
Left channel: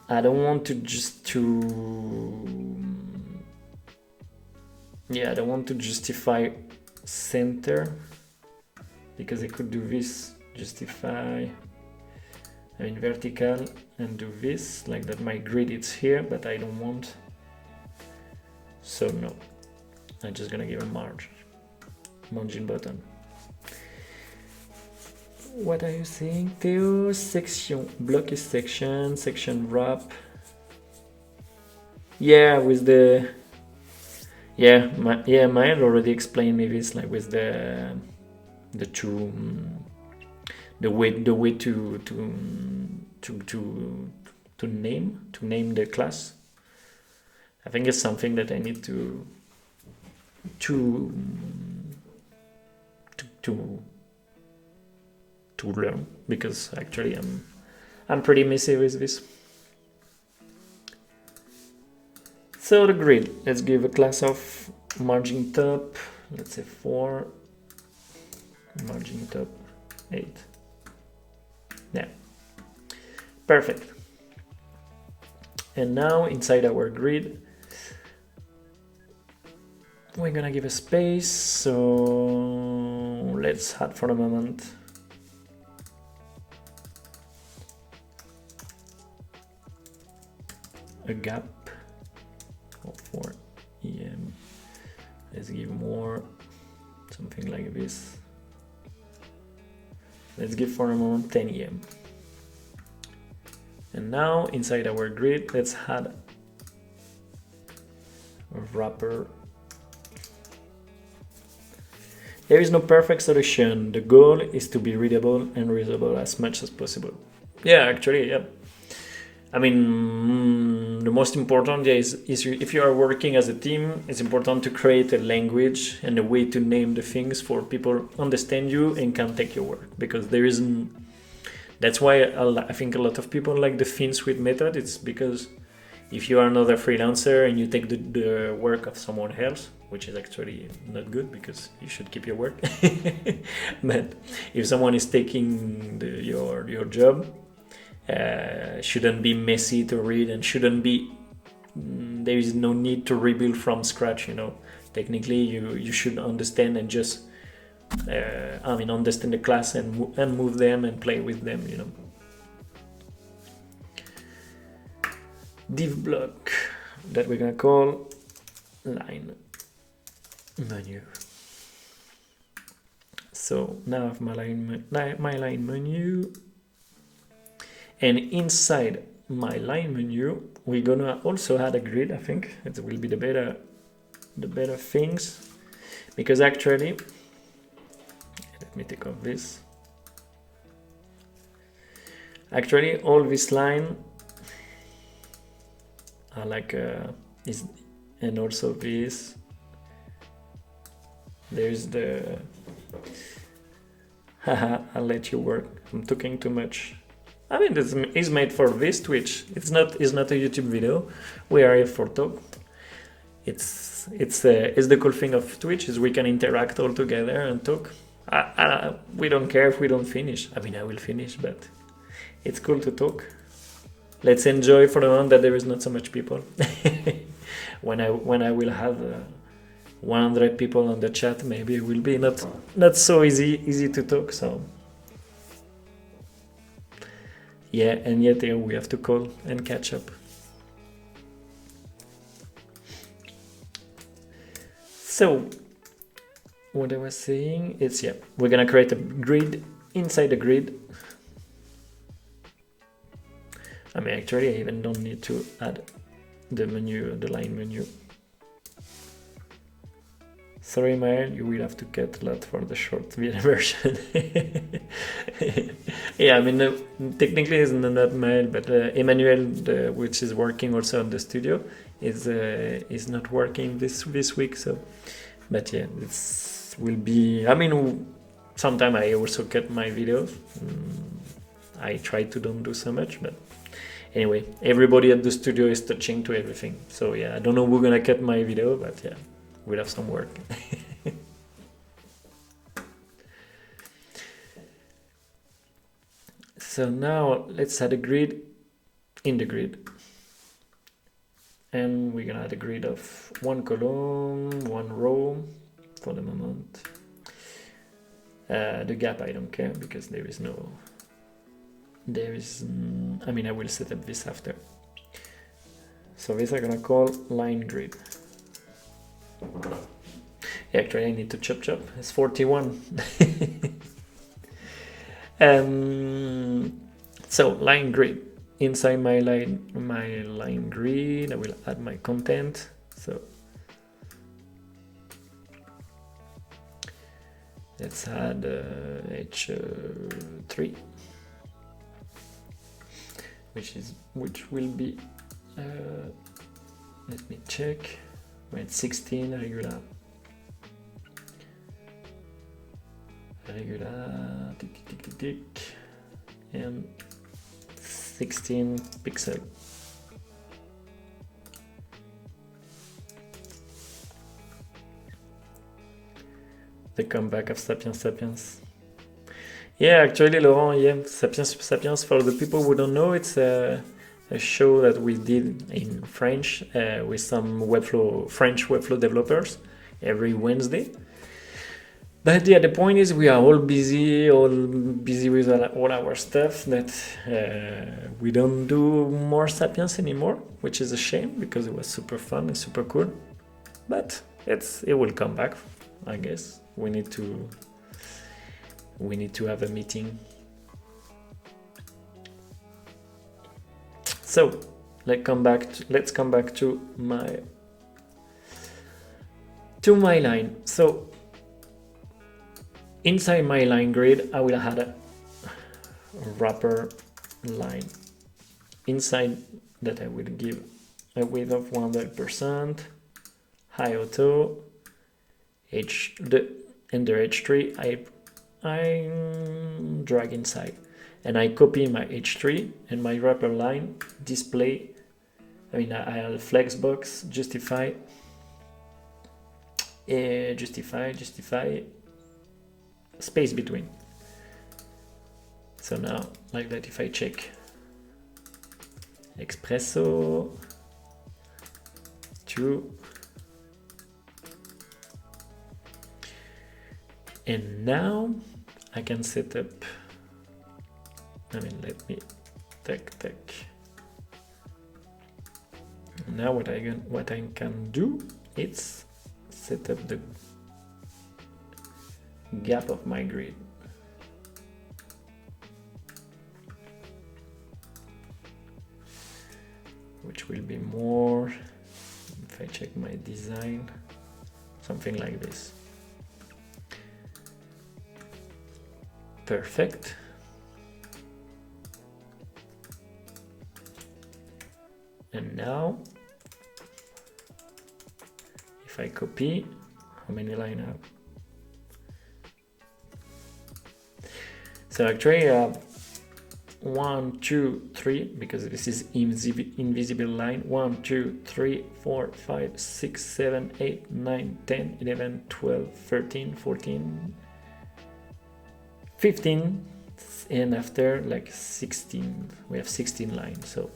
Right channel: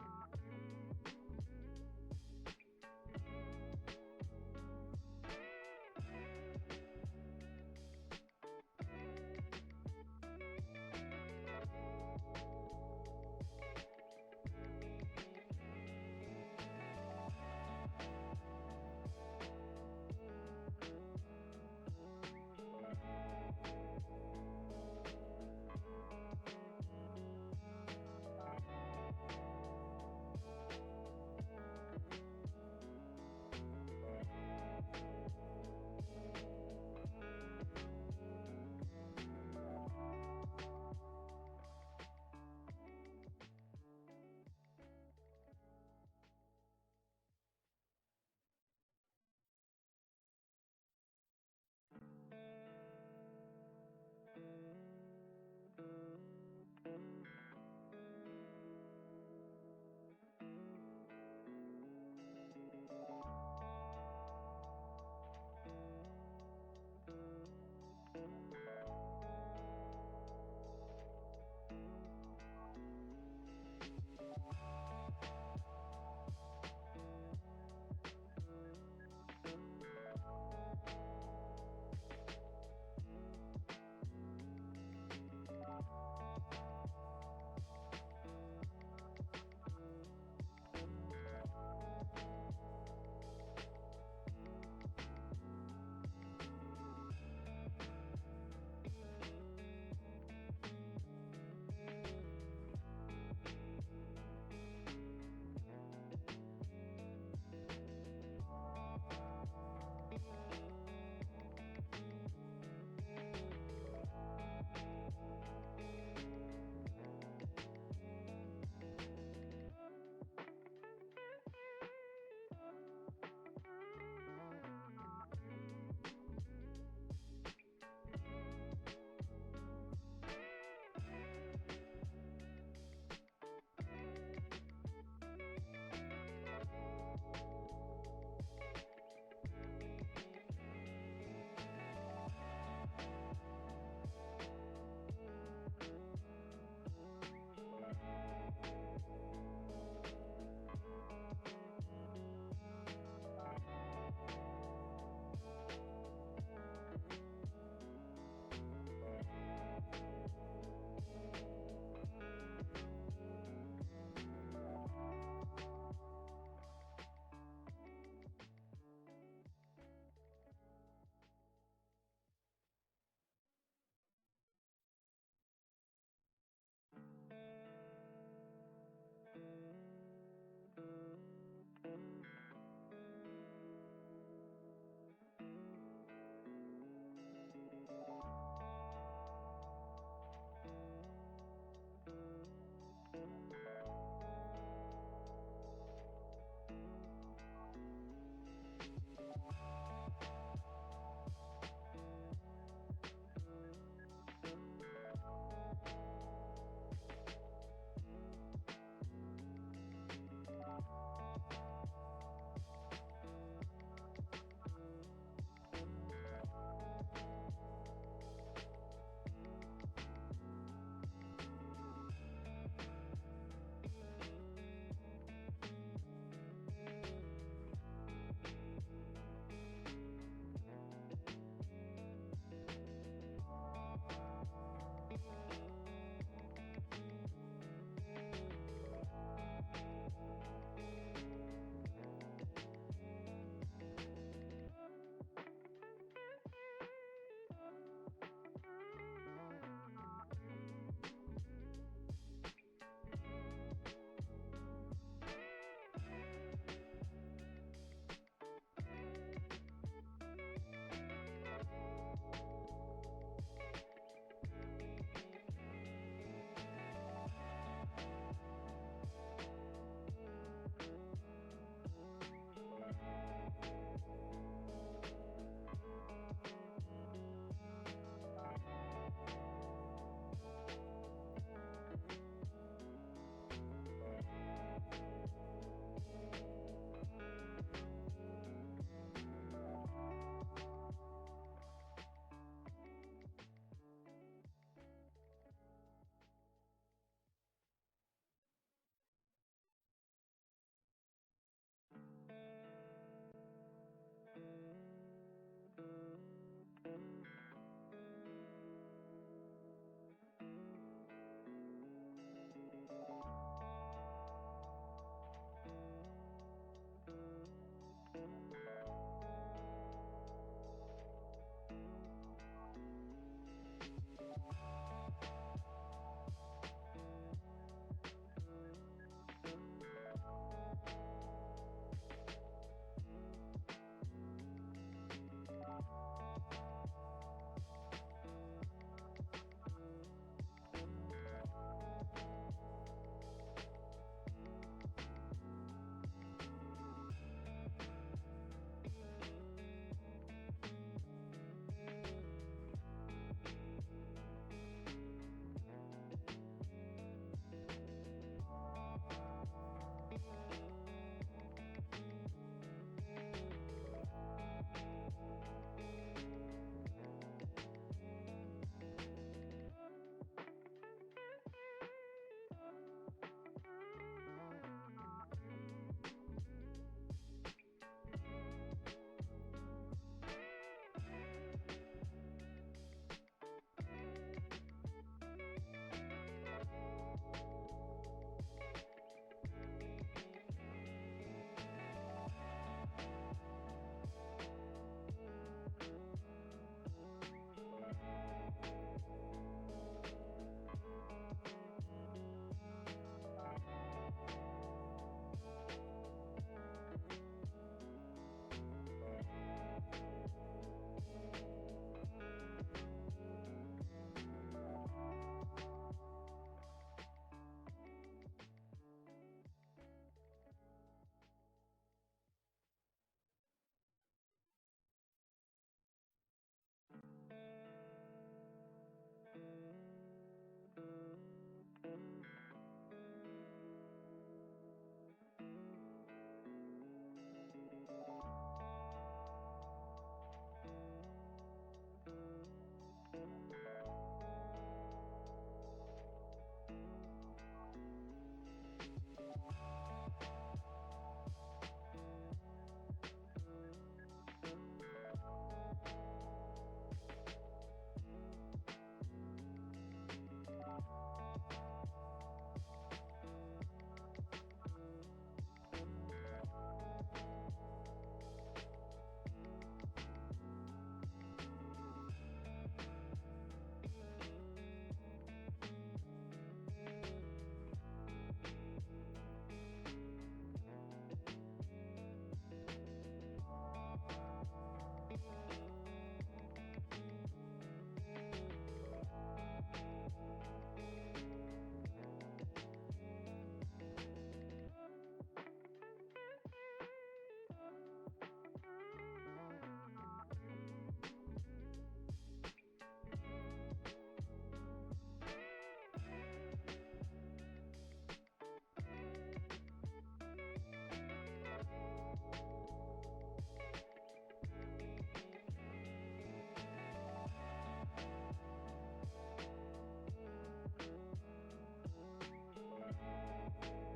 I don't want to I don't want to justify center, because I could do this, justify, vertical, and do this, like that my grid is here, but I don't want, so no. I'm just gonna give a margin button. What are you saying, Theo? Section, block is section wrap. Yeah, with the, Maya already explained me this, like with the the way to name the class. I think it's something that I need to learn, because actually I'm pretty messy with this. So the grid, let's give a class of margin top, let's say 4, margin top 8. Yeah, perfect. And now inside our grid, we're gonna give a space, so let's add for a moment a gap for EM. Let's give more, something like this. Let's give for a moment 10 EM. And now inside our grid, let's add a wrapper. There is no perfect solution. The goal is to be readable and reusable as much as possible. Yeah, actually, yeah. I mean, the most important is if you are working as a team, it's important to create a language and a way to name the things for people understand you and can take your work, because there isn't. That's why I think a lot of people like the thin suite method. It's because if you are another freelancer and you take the work of someone else, which is actually not good because you should keep your work. But if someone is taking your job, shouldn't be messy to read, and shouldn't be. There is no need to rebuild from scratch. You know, technically you should understand and just. Understand the class and move them and play with them. You know. Div block that we're gonna call line menu. So now I have my line menu, and inside my line menu we're gonna also add a grid. I think it will be the better things, because actually, let me take off this. Actually, all this line are like is, and also this. There's the. Haha, I'll let you work. I'm talking too much. I mean, this is made for this Twitch. It's not a YouTube video. We are here for talk. It's the cool thing of Twitch is we can interact all together and talk. We don't care if we don't finish. I mean, I will finish, but it's cool to talk. Let's enjoy for the moment that there is not so much people. when I will have 100 people on the chat, maybe it will be not so easy to talk. So yeah, and yet we have to call and catch up. So what I was saying is, yeah, we're gonna create a grid inside the grid. I mean, actually, I even don't need to add the line menu. Sorry, Mael, you will have to cut a lot for the short version. Yeah, I mean, technically it's not Mael, but Emmanuel, which is working also on the studio, is not working this week. So, but yeah, it will be. I mean, sometimes I also cut my videos. I try to don't do so much, but anyway, everybody at the studio is touching to everything. So yeah, I don't know who's gonna cut my video, but yeah. We'll have some work. So now let's add a grid in the grid. And we're gonna add a grid of 1 column, 1 row for the moment. The gap I don't care because there is, I mean, I will set up this after. So this I'm gonna call line grid. Actually, I need to chop. It's 41. So line grid. Inside my line grid, I will add my content. So Let's add h3, which will be let me check. We're at 16 regular, tick, and 16 pixel. The comeback of Sapiens. Yeah, actually, Laurent, yeah, Sapiens, for the people who don't know, it's a show that we did in French with some French Webflow developers every Wednesday. But yeah, the point is we are all busy with all our stuff, that we don't do more Sapiens anymore, which is a shame because it was super fun and super cool. But it will come back, I guess. We need to have a meeting. So let's come back to my line. So inside my line grid, I will add a wrapper line inside that I will give a width of 100%, high auto, under h3 I drag inside, and I copy my h3 and my wrapper line display. I have flexbox, justify, space between. So now, like that, if I check Espresso, true, and now I can set up, let me take. Now what I can do is set up the gap of my grid. Which will be more, if I check my design, something like this. Perfect. And now, if I copy, how many lines I have? So actually I have 1, 2, 3, because this is invisible line. 1, 2, 3, 4, 5, 6, 7, 8, 9, 10, 11, 12, 13, 14, 15, and after like 16, we have 16 lines. So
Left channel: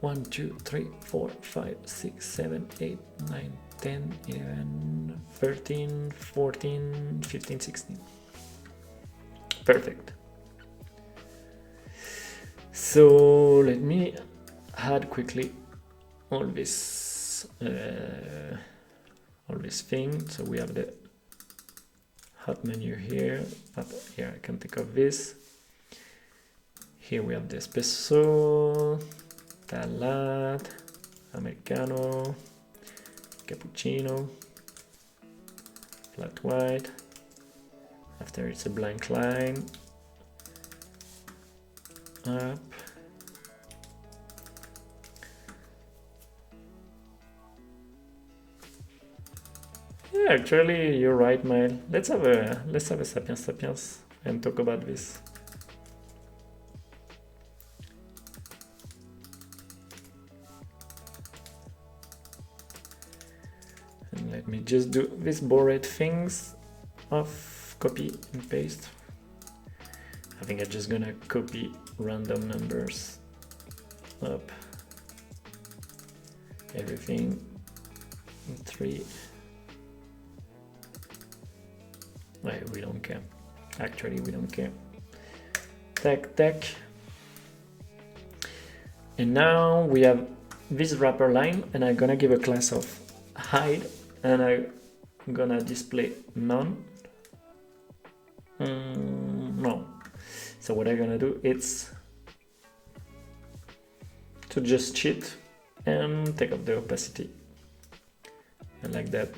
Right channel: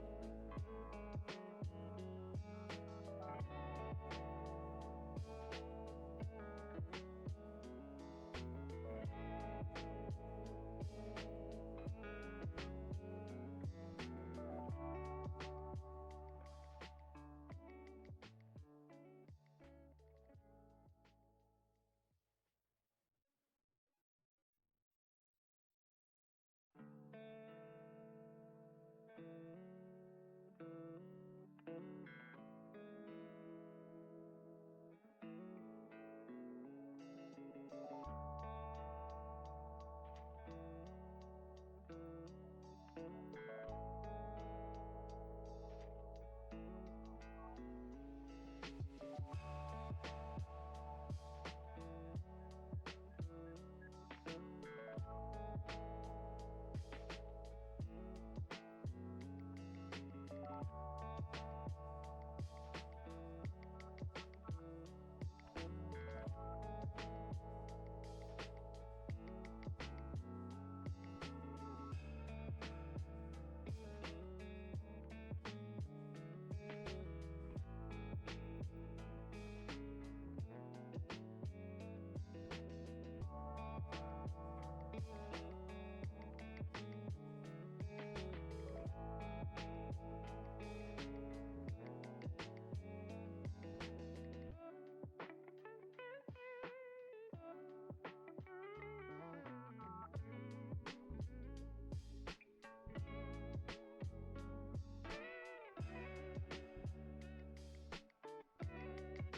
1, 2, 3, 4, 5, 6, 7, 8, 9, 10, 11, 13, 14, 15, 16. Perfect. So let me add quickly all this thing. So we have the hot menu here. Here I can take off this. Here we have the espresso, latte, americano, cappuccino, flat white. After it's a blank line, up. Yeah, actually, you're right, Mael. Let's have a Sapiens and talk about this. And let me just do these bored things off. Copy and paste. I think I'm just gonna copy random numbers up, everything 3. We don't care. Actually, we don't care. Tech. And now we have this wrapper line, and I'm gonna give a class of hide, and I'm gonna display none. No. So what I'm gonna do is to just cheat and take up the opacity, and like that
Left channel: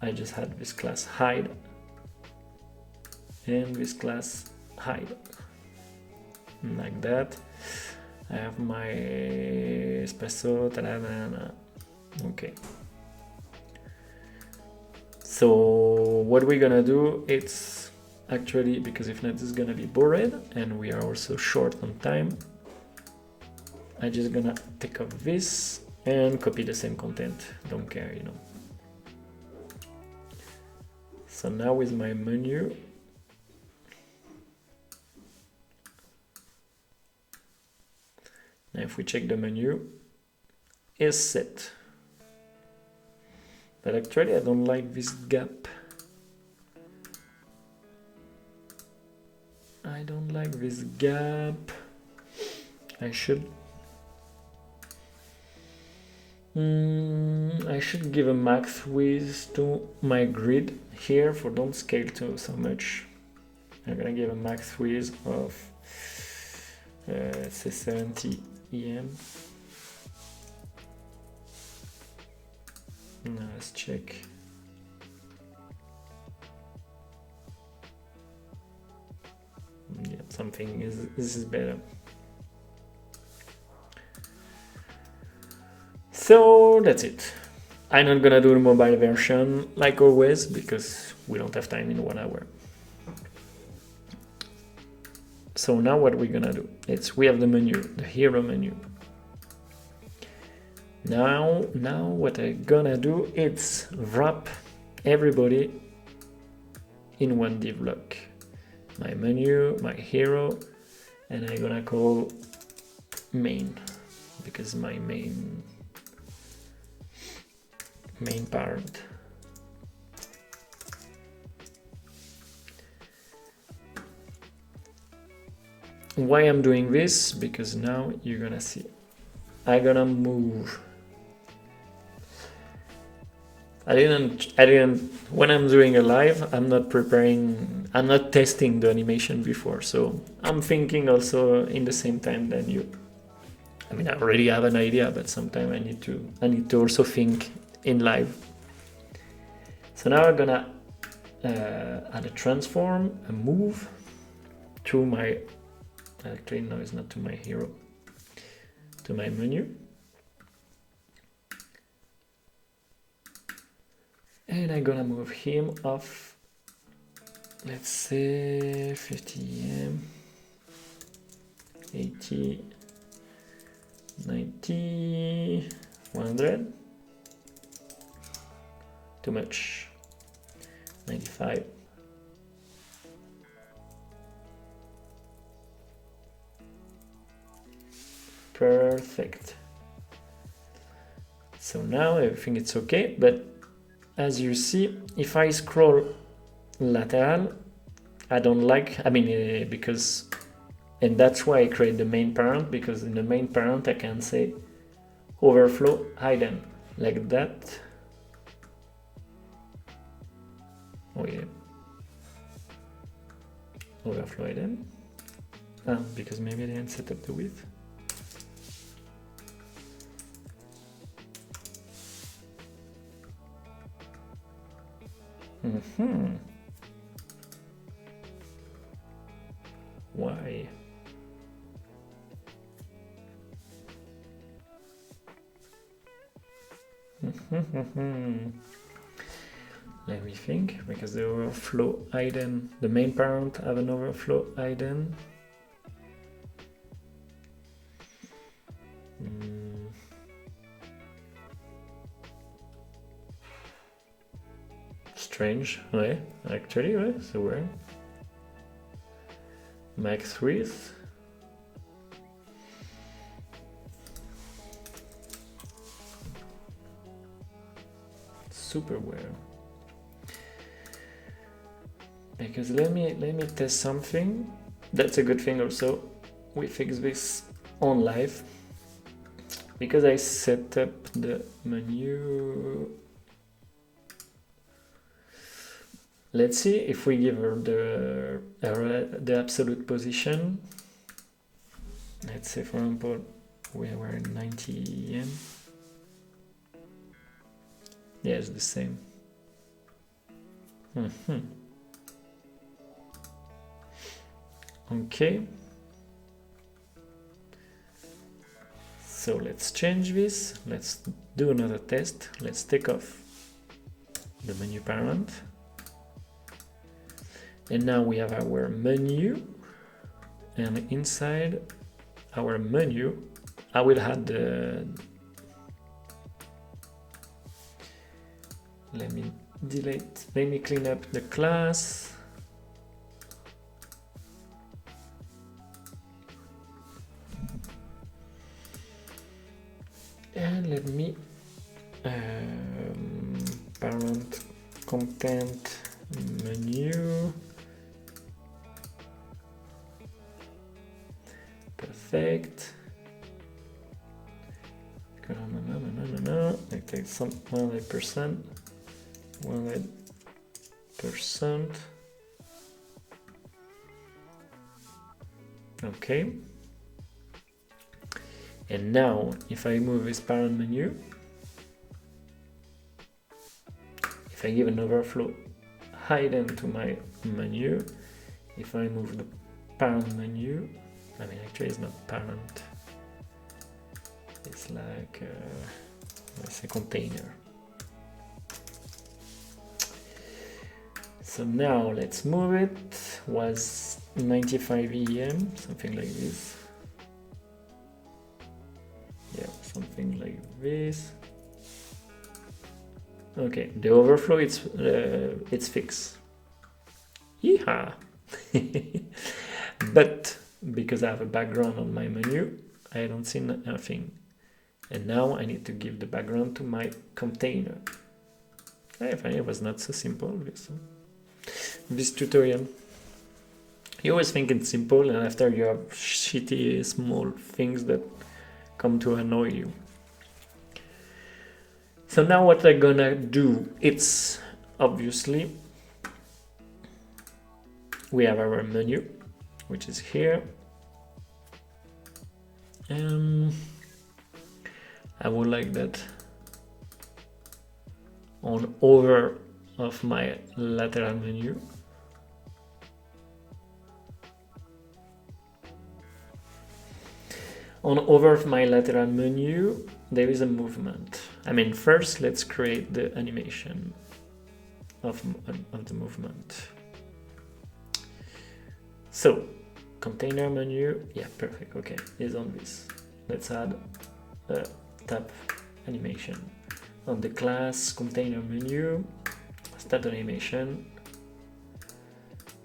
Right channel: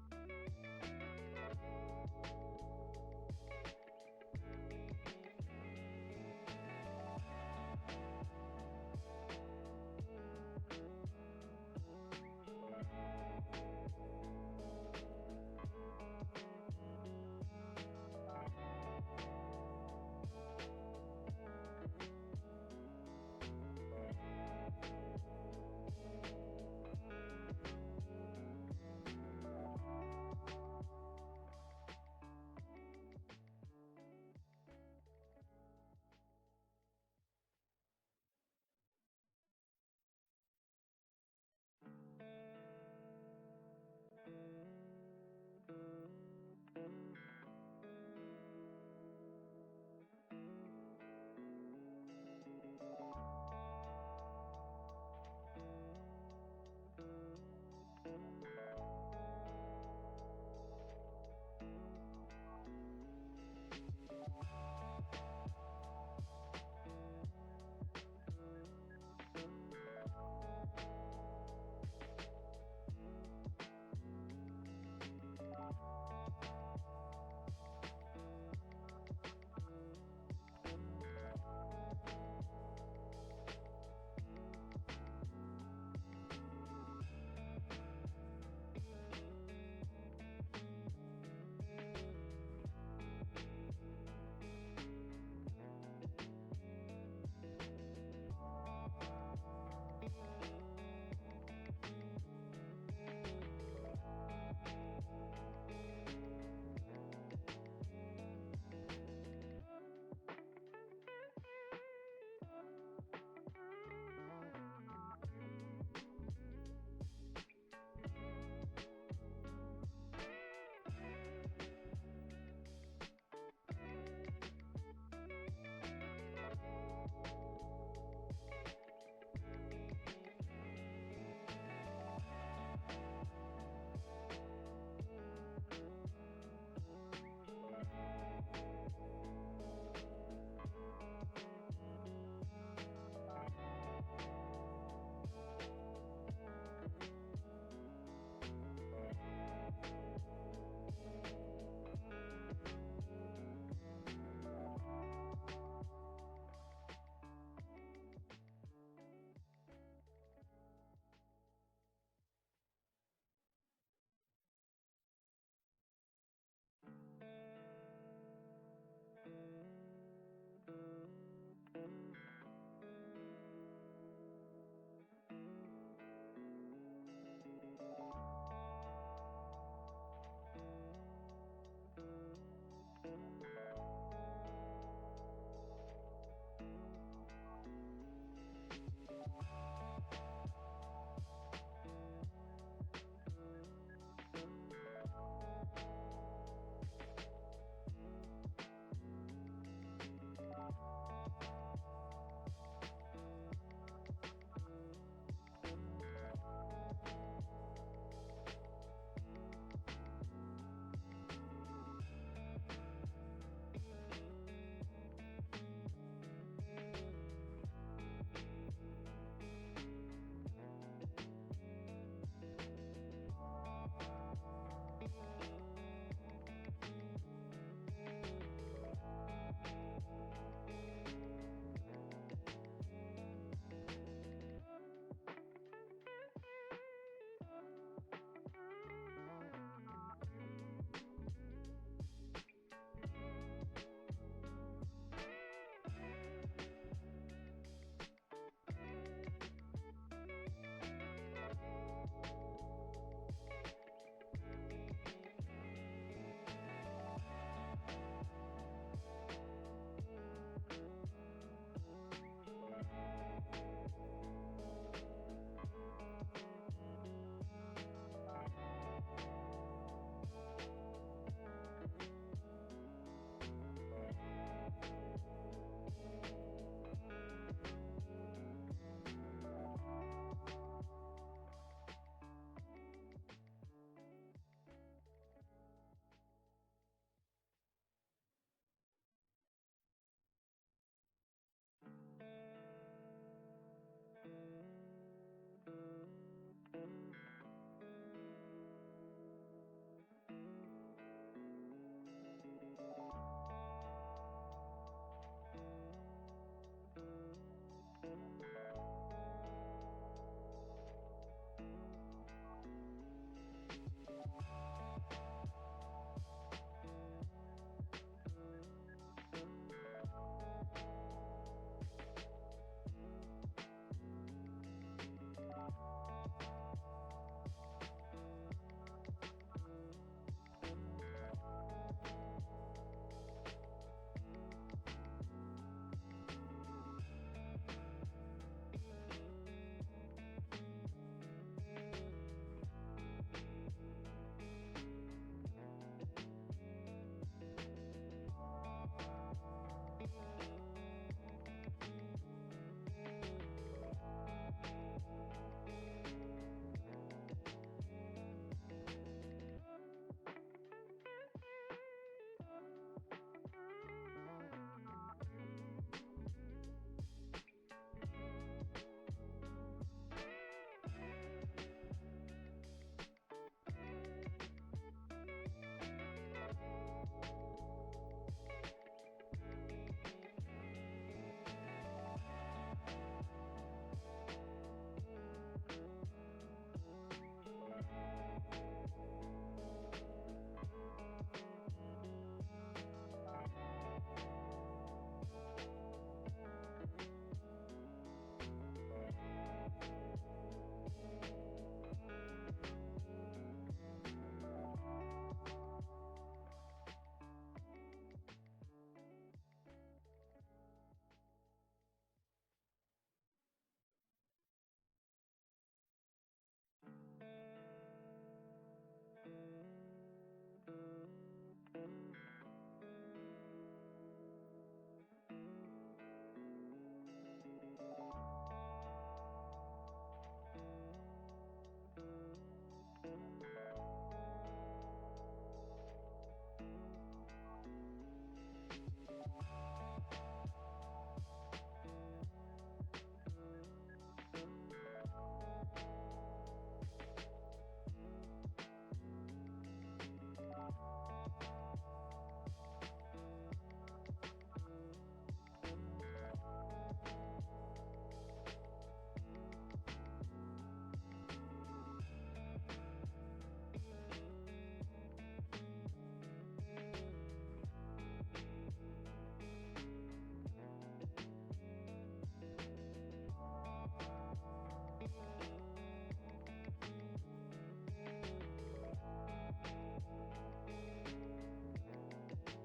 I just had this class hide, and this class hide, like that. I have my espresso, okay. So what we're gonna do, it's actually, because if not it's gonna be bored and we are also short on time, I'm just gonna take off this and copy the same content, don't care, you know. So now with my menu, now if we check the menu, is set. But actually I don't like this gap. I don't like this gap. I should give a max width to my grid here for don't scale to so much. I'm gonna give a max width of say 70 EM. Now let's check. Yeah, something is, this is better. So that's it. I'm not gonna do the mobile version like always because we don't have time in 1 hour. So now what we're gonna do, it's we have the menu, the hero menu. Now what I'm gonna do, it's wrap everybody in one div block. My menu, my hero, and I'm gonna call main because my main parent. Why I'm doing this? Because now you're gonna see I'm gonna move. I didn't when I'm doing a live, I'm not testing the animation before, so I'm thinking also in the same time than you. I mean, I already have an idea, but sometimes I need to also think in live. So now I'm gonna add a transform, a move to my, actually no, it's not to my hero, to my menu. And I'm gonna move him off, let's say 50 EM, 80, 90, 100, too much, 95, perfect. So now everything it's okay, but as you see, if I scroll lateral, I don't like, because, and that's why I create the main parent, because in the main parent I can say overflow hidden, like that. Oh yeah. Overflow hidden. Because maybe I didn't set up the width. Why? Let me think, because the overflow item, the main parent have an overflow item. Strange, ouais, actually, ouais, so where? Max width. Super well. Because let me test something. That's a good thing also. We fix this on live. Because I set up the menu. Let's see if we give her the absolute position. Let's say, for example, we were in 90 EM. Yeah, it's the same. Okay. So let's change this. Let's do another test. Let's take off the menu parent. And now we have our menu. And inside our menu, I will add the... Let me delete, let me clean up the class. And let me parent content menu. Perfect. No. I take some 100%. 100%. Okay. And now, if I move this parent menu, if I give an overflow hidden to my menu, if I move the parent menu, I mean, actually it's not parent, it's like, it's a container. So now let's move it, was 95 EM, something like this. Yeah, something like this. Okay, the overflow it's fixed. Yeehaw! But because I have a background on my menu, I don't see nothing. And now I need to give the background to my container. I find it was not so simple, this tutorial. You always think it's simple, and after you have shitty small things that come to annoy you. So now what I'm gonna do, it's obviously we have our menu, which is here. I would like that on over of my lateral menu. On over of my lateral menu, there is a movement. I mean, first let's create the animation of the movement. So, container menu, yeah, perfect, okay, is on this. Let's add a tap animation. On the class container menu, start animation.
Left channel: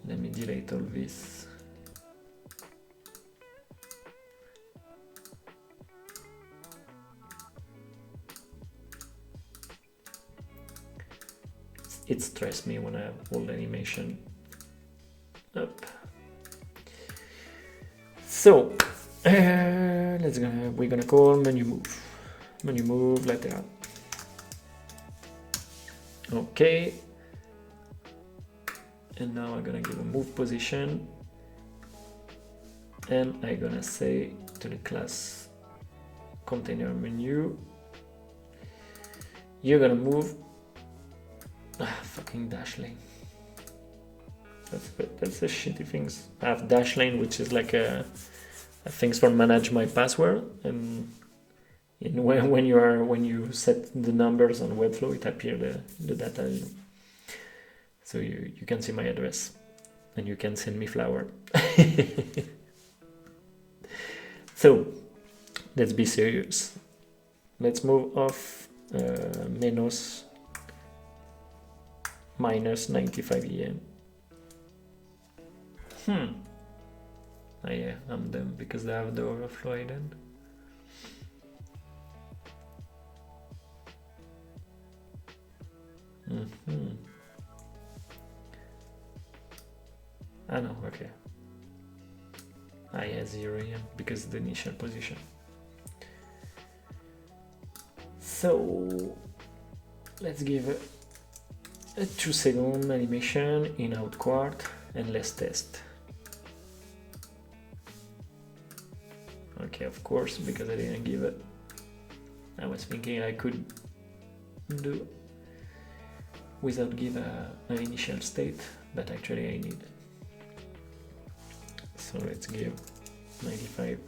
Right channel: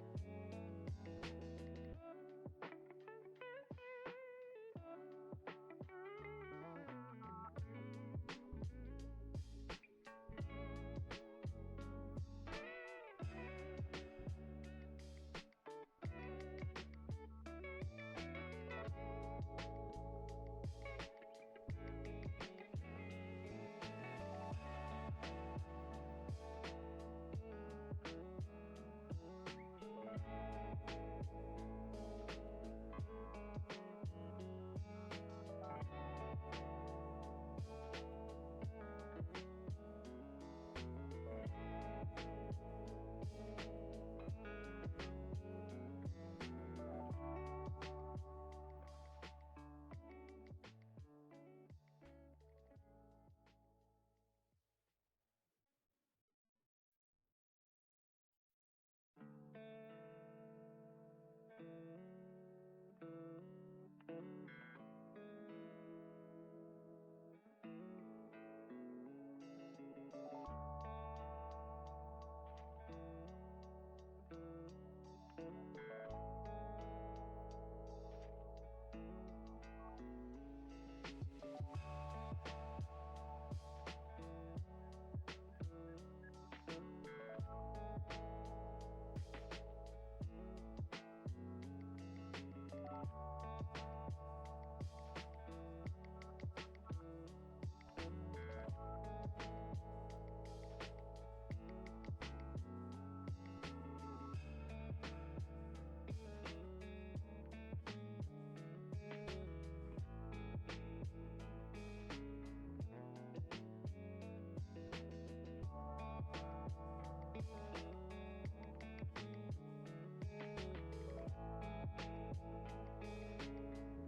Let me delete all this. It stressed me when I have all the animation up. So we're gonna call menu move lateral. Okay, and now I'm gonna give a move position, and I'm gonna say to the class container menu, you're gonna move fucking dash lane. That's the shitty things. I have dash lane, which is like a things for manage my password, and when you set the numbers on Webflow, it appears the data, so you can see my address, and you can send me flower. So let's be serious. Let's move off minus 95 EM. Oh yeah, I'm done because they have the overflow hidden. I know, okay. Yeah, 0 EM because the initial position. So let's give a 2-second animation in out quart and let's test. Okay, of course, because I didn't give it. I was thinking I could do without give an initial state, but actually I need. So let's give 95.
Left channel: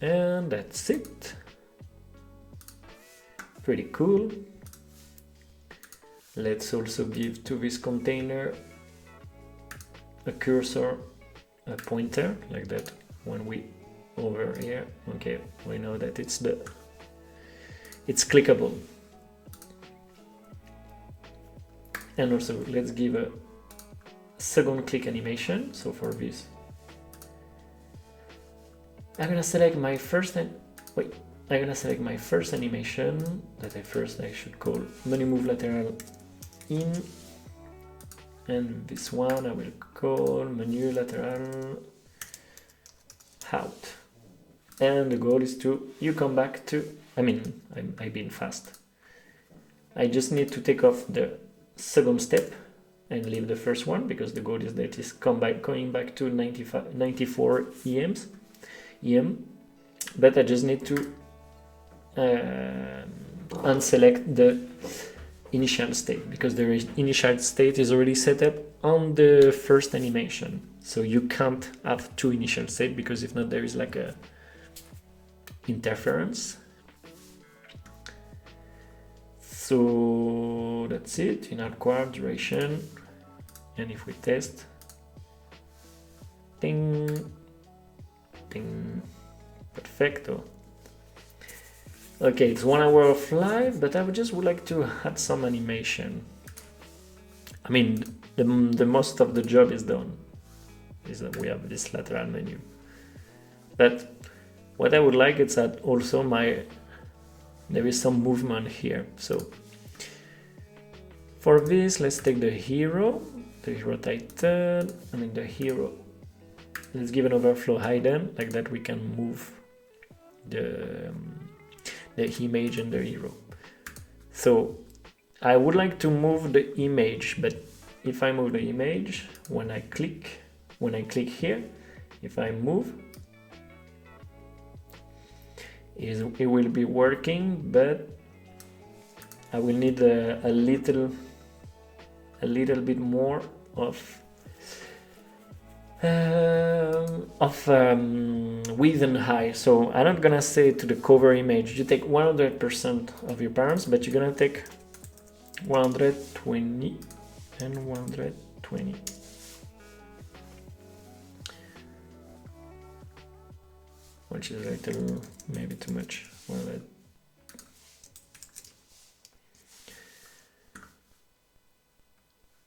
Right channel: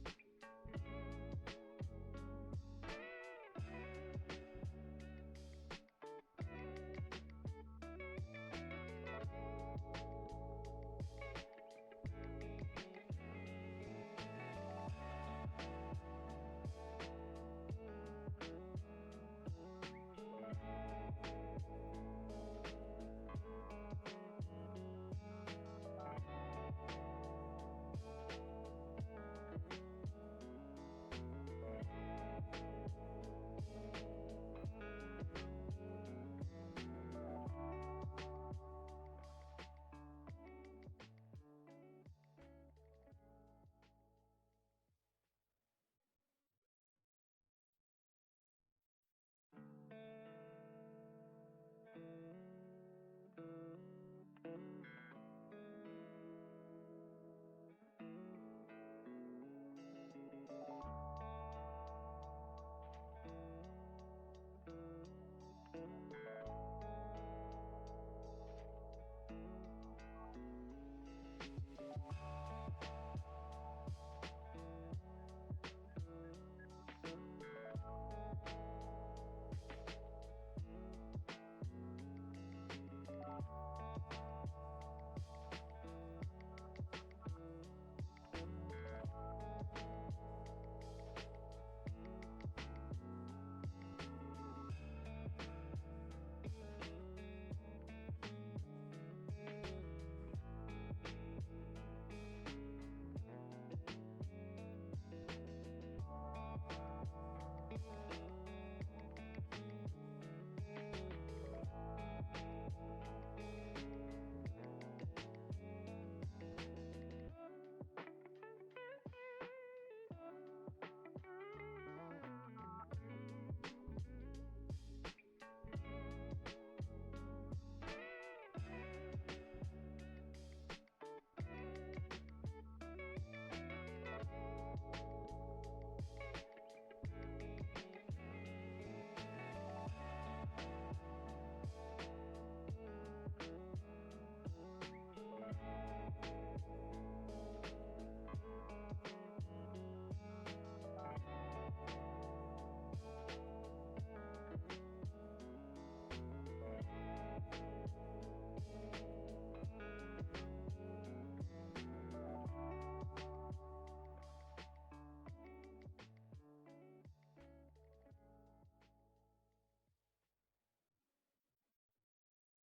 And that's it. Pretty cool. Let's also give to this container a cursor, a pointer, like that. When we over here, okay, we know that it's clickable. And also let's give a second click animation. So for this, I'm gonna select my first animation that I should call menu move lateral in, and this one I will call menu lateral out. And the goal is you come back to, I've been fast. I just need to take off the second step and leave the first one, because the goal is that it's going back to 94 EM, but I just need to unselect the initial state, because the initial state is already set up on the first animation. So you can't have two initial states, because if not, there is like a interference. So that's it in hardcore duration. And if we test, ding, ding, perfecto. Okay, it's 1 hour of live, but I would like to add some animation. I mean, the most of the job is done. Is that we have this lateral menu. But what I would like is that also there is some movement here. So for this, let's take the hero title, the hero. Let's give an overflow hidden, like that we can move the image and the hero. So I would like to move the image, but if I move the image, when I click here, if I move, it will be working, but I will need a little bit more of width and height. So I'm not gonna say to the cover image you take 100% of your params, but you're gonna take 120 and 120. Which is a little, maybe too much.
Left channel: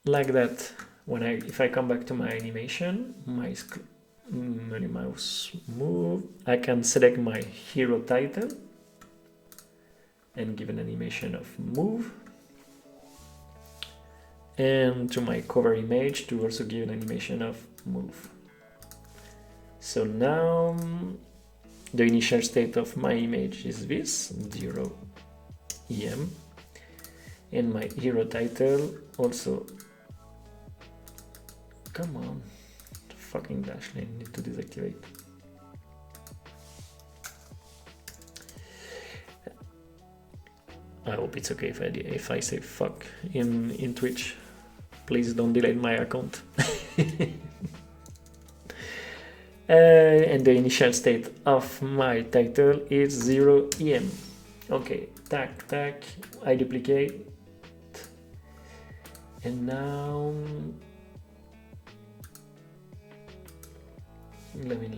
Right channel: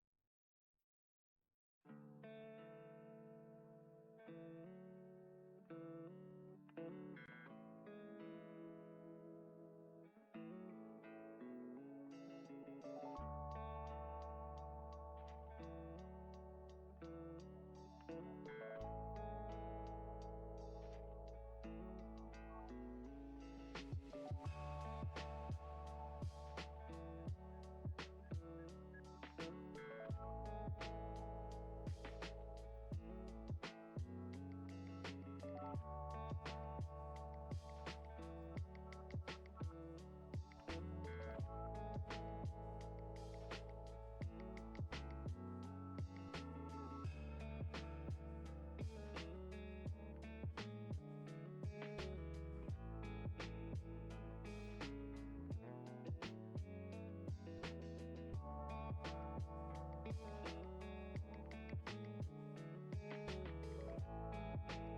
Like that. If I come back to my animation, my mouse move, I can select my hero title and give an animation of move, and to my cover image to also give an animation of move. So now the initial state of my image is this 0 EM, and my hero title also. Come on, the fucking dash line need to deactivate. I hope it's okay if I say fuck in Twitch. Please don't delete my account. And the initial state of my title is 0 EM. Okay, tac, I duplicate. And now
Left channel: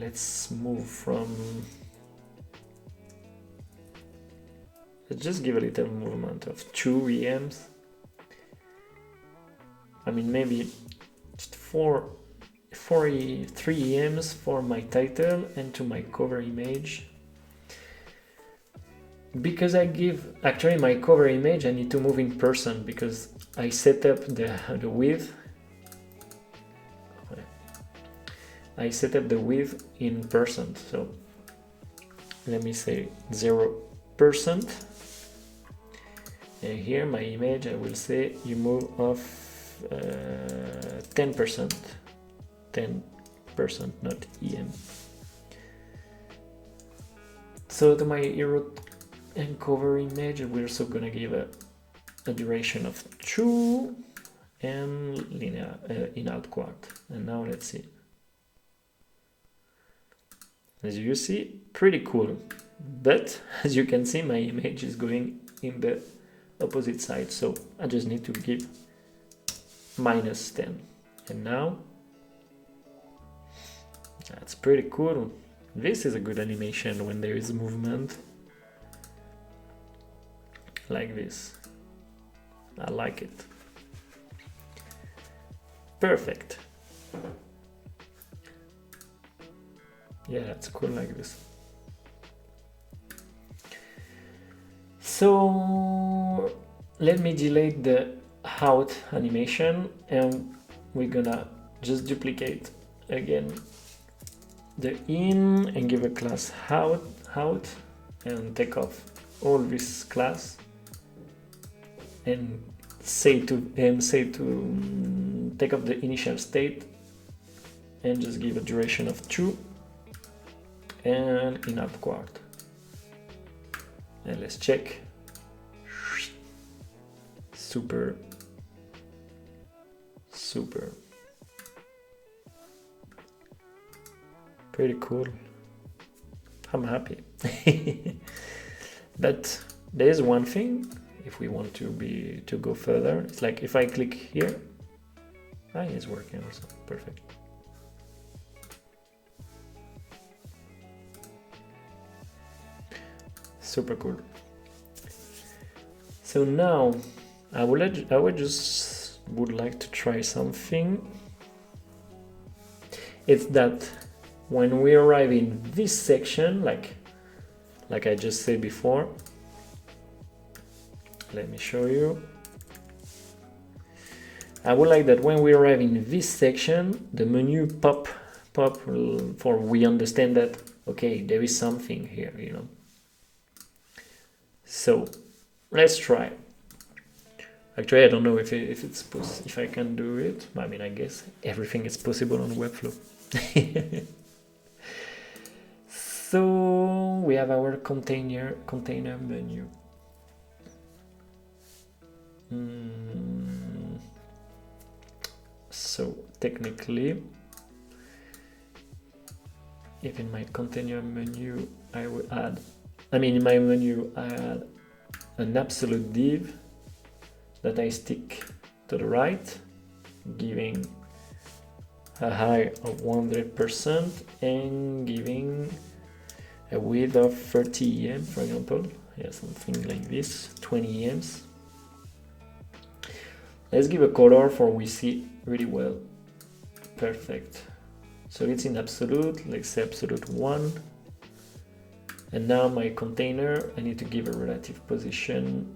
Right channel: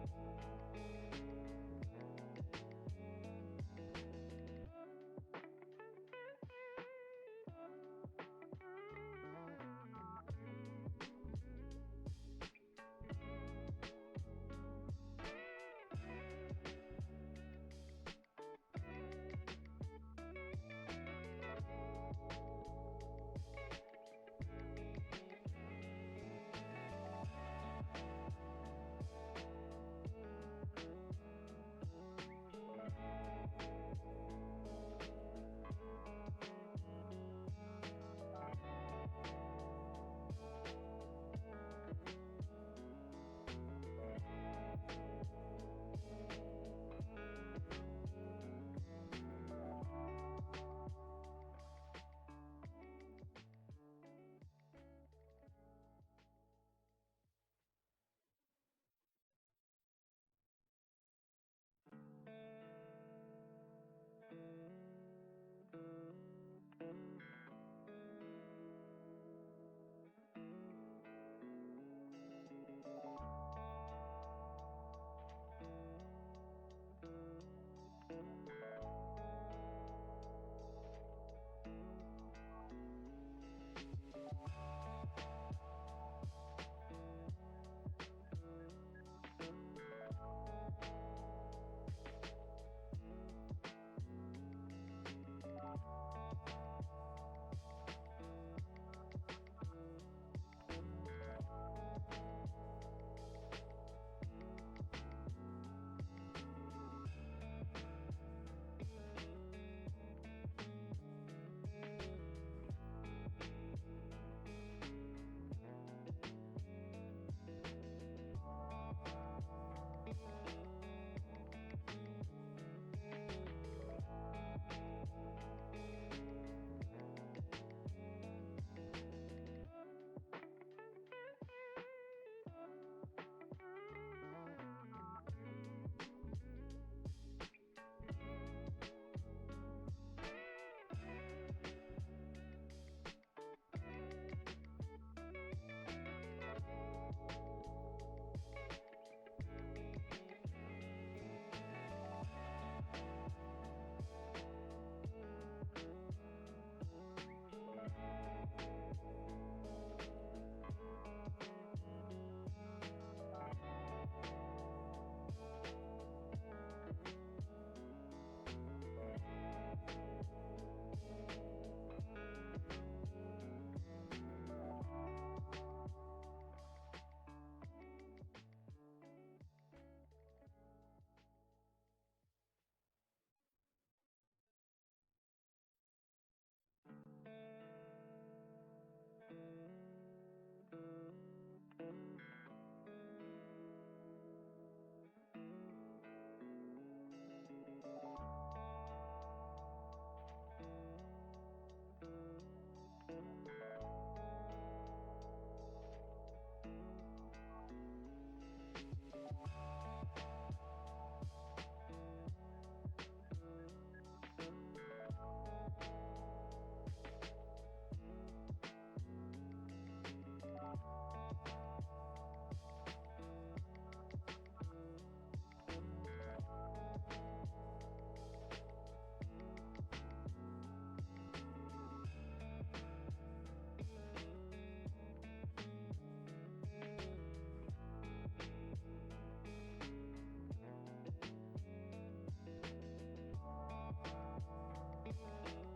let's move from, let's just give a little movement of 2 EMs. Maybe just 3 EMs for my title and to my cover image. Because actually my cover image I need to move in person, because I set up the width. I set up the width in percent, so let me say 0%. And here my image, I will say you move of 10%, 10%, not EM. So to my hero and cover image, we're also gonna give a duration of 2 and linear in out quad. And now let's see. As you see, pretty cool. But as you can see, my image is going in the opposite side, so I just need to give -10. And now that's pretty cool. This is a good animation when there is movement like this. I like it. Perfect. Yeah, it's cool like this. So let me delete the out animation, and we're gonna just duplicate again the in and give a class out, and take off all this class and say to take off the initial state and just give a duration of 2 and in out quad. And let's check. Super. Pretty cool. I'm happy. But there is one thing, if we want to go further, it's like if I click here, it's working also. Perfect. Super cool. So now I would like to try something. It's that when we arrive in this section, like I just said before, let me show you. I would like that when we arrive in this section, the menu pop for we understand that, okay, there is something here, you know. So let's try. Actually, I don't know if I can do it. I mean, I guess everything is possible on Webflow. So we have our container menu. So technically, if in my container menu I will add, in my menu I add an absolute div that I stick to the right, giving a height of 100% and giving a width of 30 EM, for example. Yeah, something like this, 20 EMs. Let's give a color for we see really well. Perfect. So it's in absolute, let's say absolute 1. And now my container, I need to give a relative position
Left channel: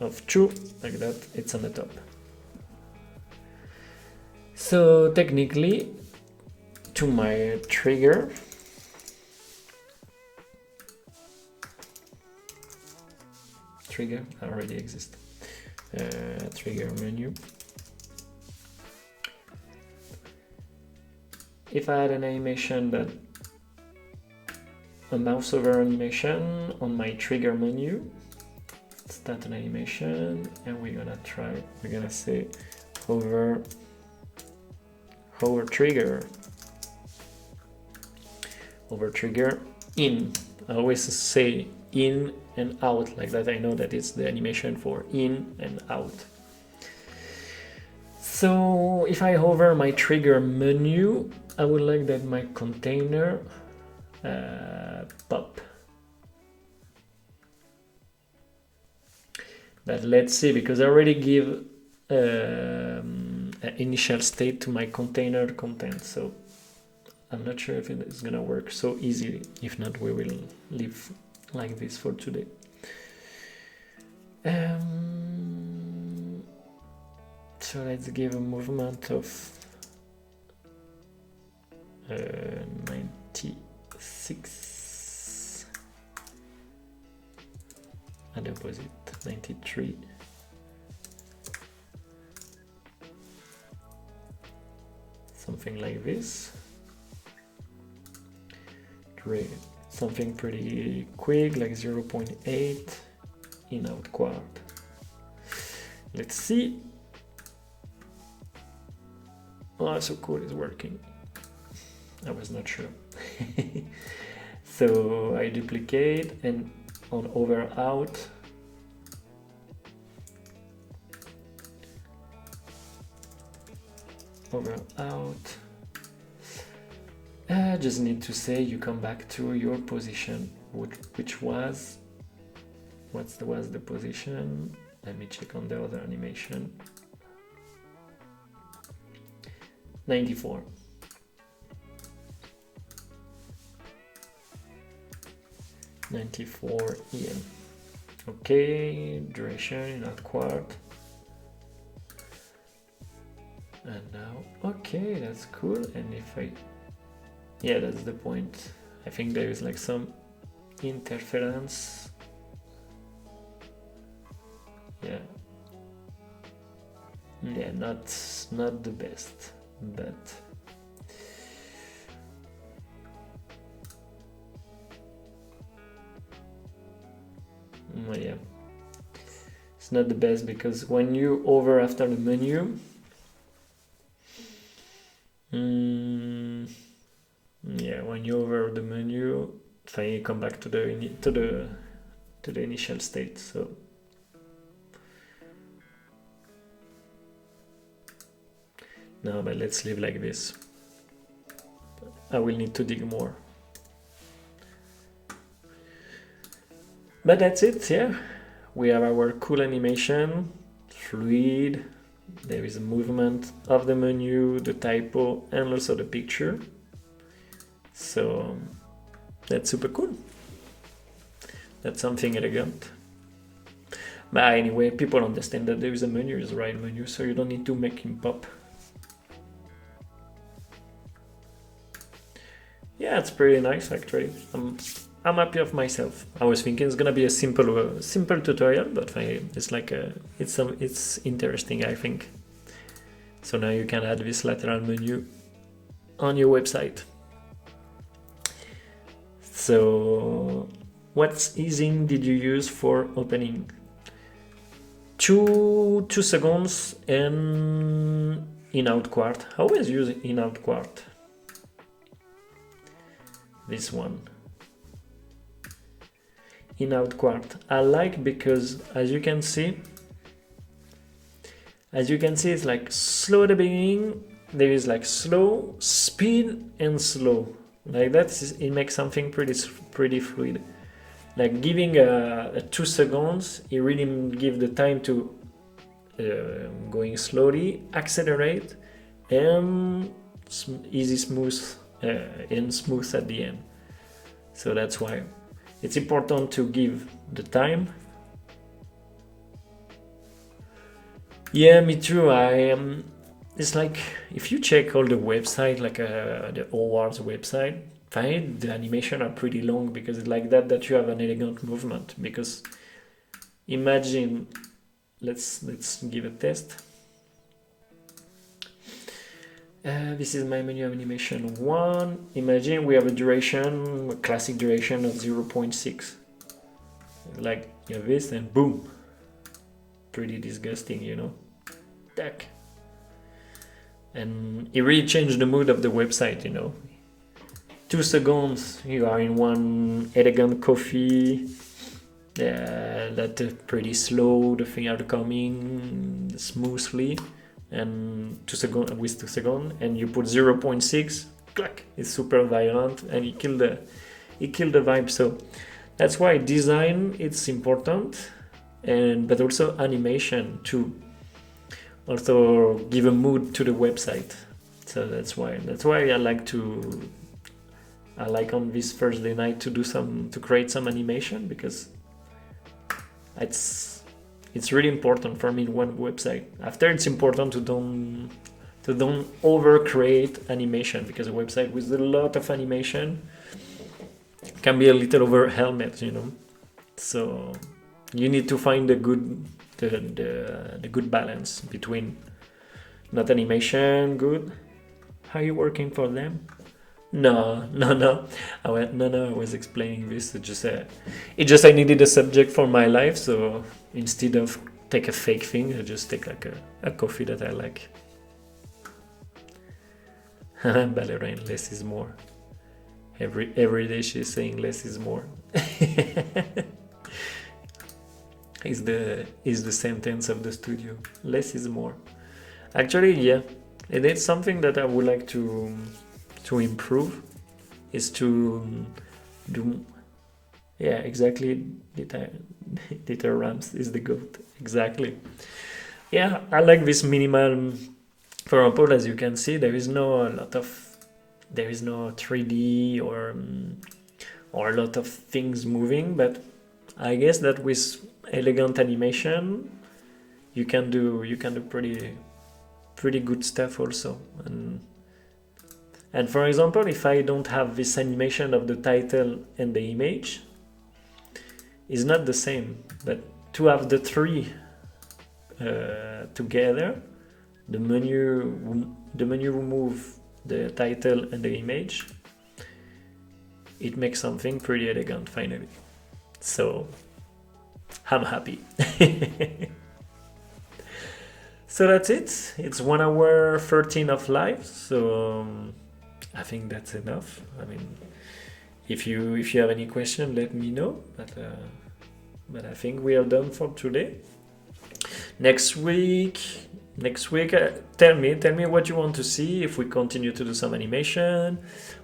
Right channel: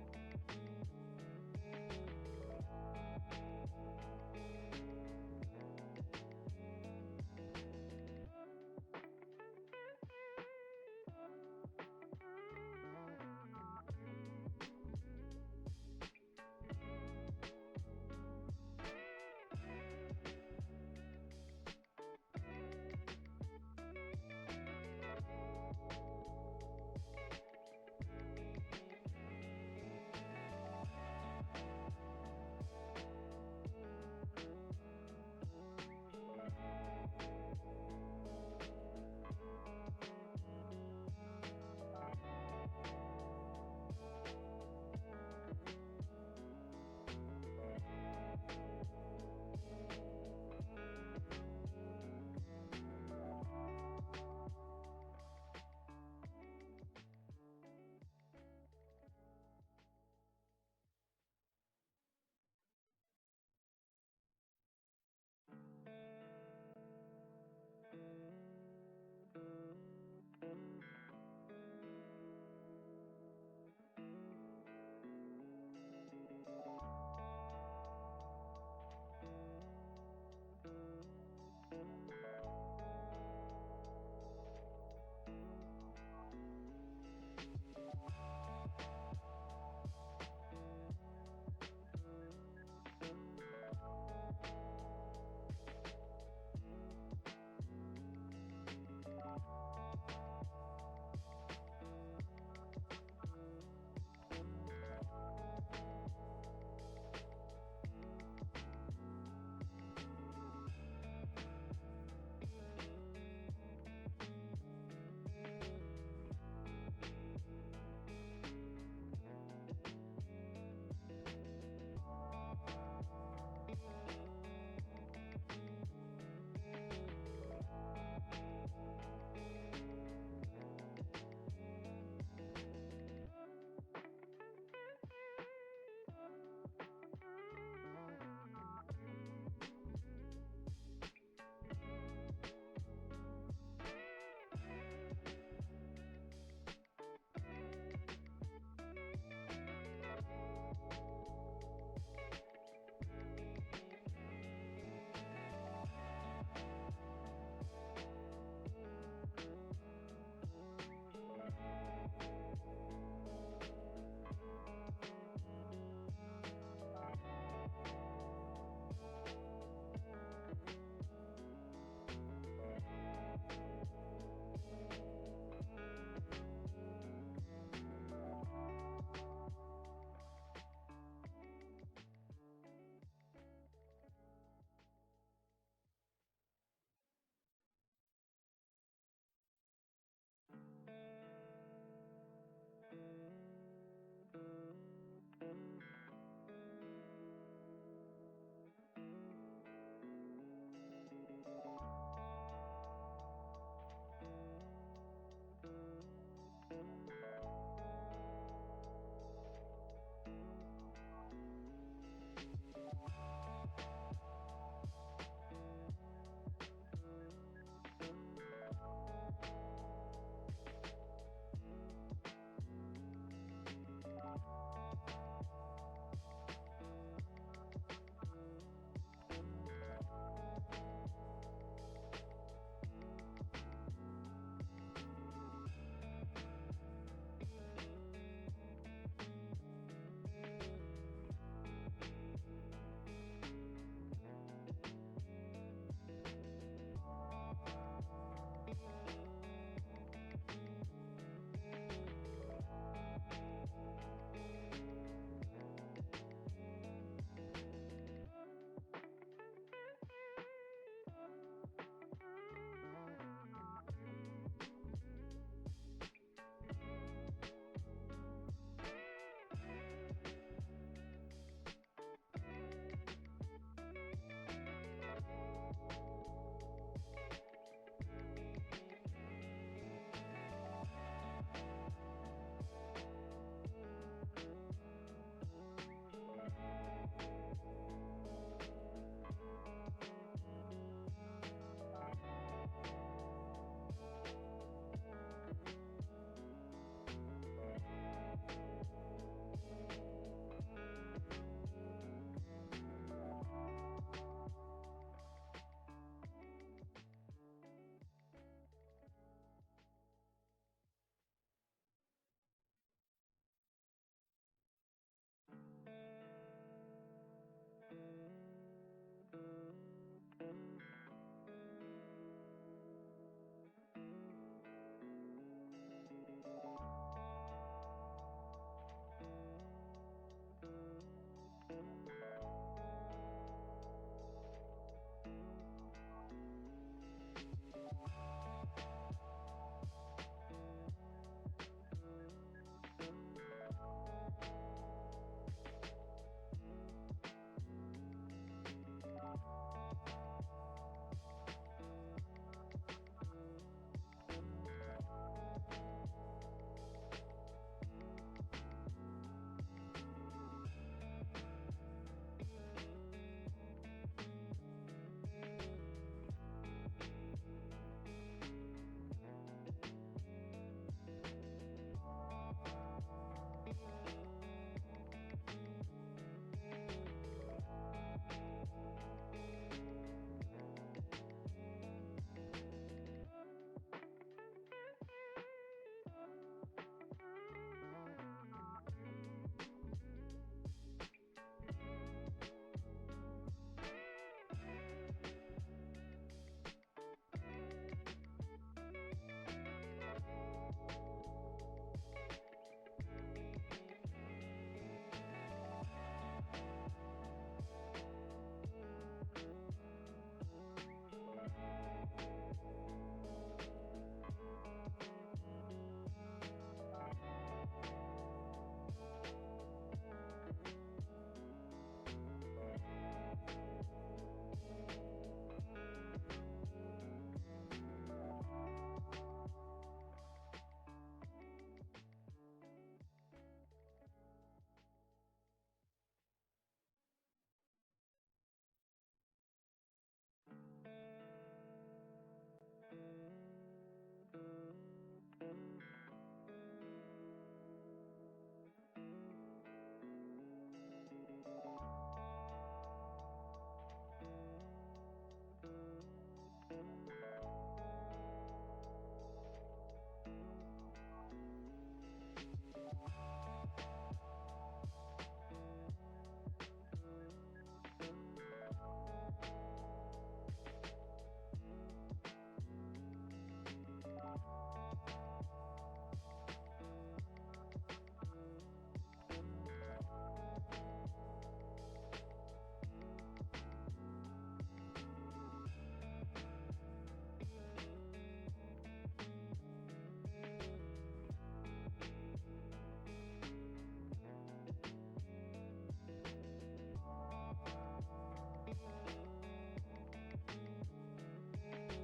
of 2, like that, it's on the top. So technically, to my trigger, already exists. Trigger menu. If I had an animation that a mouse over animation on my trigger menu, start an animation, and we're gonna say hover trigger in. I always say in and out, like that I know that it's the animation for in and out. So if I hover my trigger menu, I would like that my container pop. But let's see, because I already give an initial state to my container content, so I'm not sure if it is gonna work so easily. If not, we will leave like this for today. So let's give a movement of 96 and opposite 93. Something like this. Great. something pretty quick, like 0.8 in out quart. Let's see. Oh, so cool, it's working. I was not sure. So I duplicate and on over out. Over out. I just need to say you come back to your position, which was, was the position? Let me check on the other animation. 94. EM. Okay, duration in a quart. And now, okay, that's cool. And if I, yeah, that's the point. I think there is like some interference. Yeah. Yeah, not the best, but yeah, it's not the best because when you over after the menu, yeah, when you over the menu, then you come back to the initial state. So no, but let's leave like this. I will need to dig more. But that's it, yeah. We have our cool animation, fluid. There is a movement of the menu, the typo, and also the picture. So that's super cool. That's something elegant. But anyway, people understand that there is a menu, is the right menu, so you don't need to make him pop. Yeah, it's pretty nice actually. I'm happy of myself. I was thinking it's gonna be a simple tutorial, but it's like it's interesting, I think. So now you can add this lateral menu on your website. So what easing did you use for opening? 2 seconds and in out quart. I always use in out quart. This one. In out quart. I like because as you can see it's like slow at the beginning, there is like slow, speed and slow. Like it makes something pretty fluid. Like giving a 2 seconds, it really gives the time to going slowly, accelerate, and easy smooth and smooth at the end. So that's why it's important to give the time. Yeah, me too. It's like if you check all the website, like the awards website, the animation are pretty long because it's like that you have an elegant movement. Because imagine, let's give a test. This is my menu animation 1. Imagine we have a classic duration of 0.6. Like you have this and boom. Pretty disgusting, you know. Tack. And it really changed the mood of the website, you know. 2 seconds, you are in one elegant coffee. That pretty slow, the thing are coming smoothly. And 2 seconds with 2 seconds, and you put 0.6, clack, it's super violent, and it kill the vibe. So that's why design it's important, but also animation to also give a mood to the website. So that's why I like on this Thursday night to create some animation, because it's really important for me in one website. After, it's important to don't over create animation, because a website with a lot of animation can be a little overwhelmed, you know. So you need to find the good balance between not animation good. How are you working for them? No, no, no. I went, no, no. I was explaining this. It just I needed a subject for my life, so instead of take a fake thing, I just take like a coffee that I like. Ballerine, less is more. Every day she's saying less is more. Is the sentence of the studio. Less is more. Actually, yeah, and it's something that I would like to improve. Is to do, yeah, exactly. Dieter Rams is the goat. Exactly. Yeah, I like this minimal. For example, as you can see, there is no a lot of, there is no 3D or a lot of things moving, but I guess that with elegant animation, you can do pretty good stuff also. And for example, if I don't have this animation of the title and the image, it's not the same. But to have the three together, the menu remove the title and the image, it makes something pretty elegant finally. So I'm happy. So that's it. It's 1 hour 13 of live. So I think that's enough. I mean, if you have any question, let me know. But I think we are done for today. Next week, tell me what you want to see. If we continue to do some animation,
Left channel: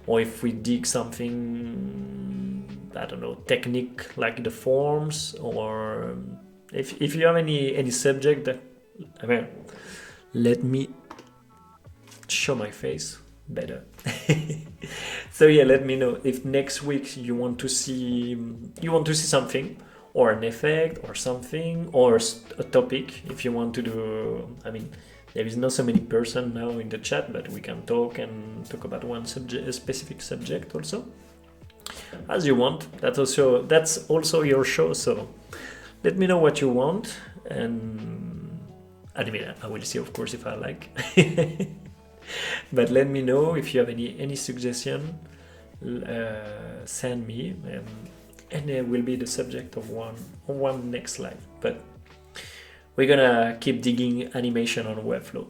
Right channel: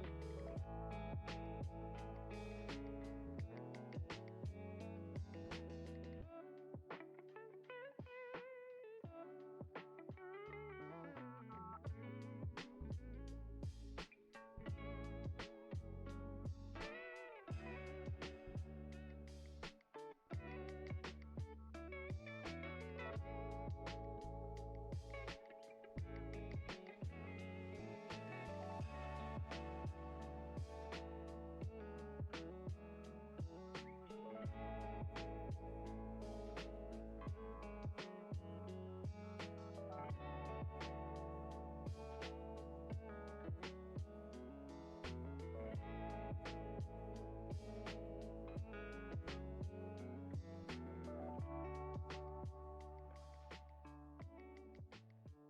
or if we dig something, I don't know, technique like the forms, or if you have any subject that, I mean, let me show my face better. So yeah, let me know if next week you want to see something, or an effect or something, or a topic. If you want to do, I mean, there is not so many person now in the chat, but we can talk about one subject, a specific subject also, as you want. That's also your show, so let me know what you want, and I mean, I will see, of course, if I like. But let me know if you have any suggestion. Send me, and it will be the subject of one next live. But we're gonna keep digging animation on Webflow.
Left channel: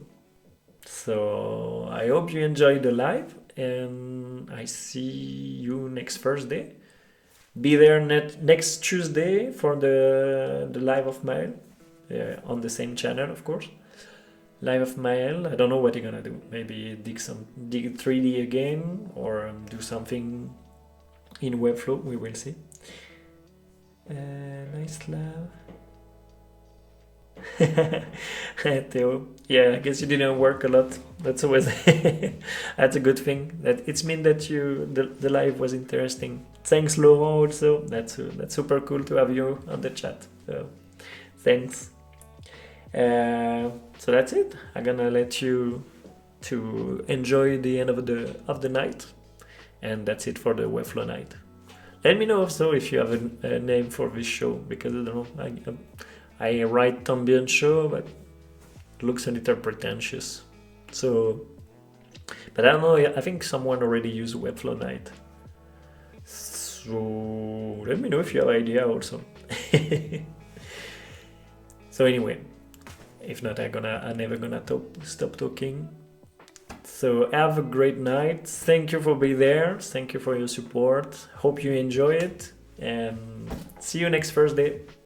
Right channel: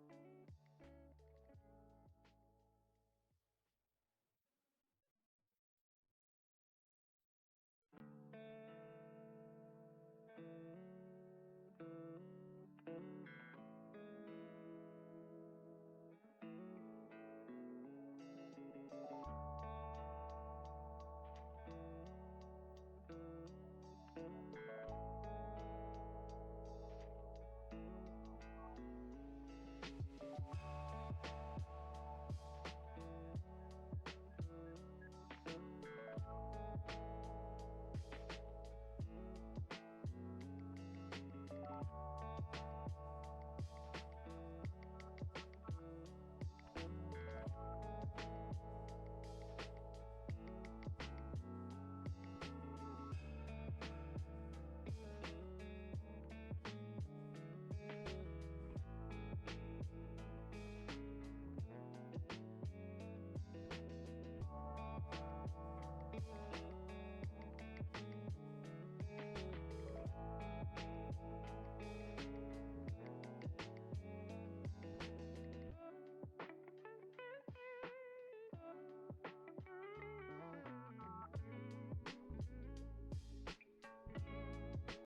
So I hope you enjoyed the live, and I see you next Thursday. Be there next Tuesday for the live of Mail, on the same channel, of course. Live of Mail. I don't know what you're gonna do. Maybe dig 3D again, or do something in Webflow. We will see. Nice love. Theo. Yeah, I guess you didn't work a lot. That's always that's a good thing. That it's mean that the live was interesting. Thanks, Laurent. Also, that's super cool to have you on the chat. So thanks. So that's it. I'm gonna let you to enjoy the end of the night, and that's it for the Webflow night. Let me know also if you have a name for this show, because I don't know. I write También show, but it looks a little pretentious. So, but I don't know. I think someone already used Webflow night. So let me know if you have idea also. So anyway. If not, I'm never gonna stop talking. So have a great night. Thank you for being there. Thank you for your support. Hope you enjoy it. And see you next Thursday.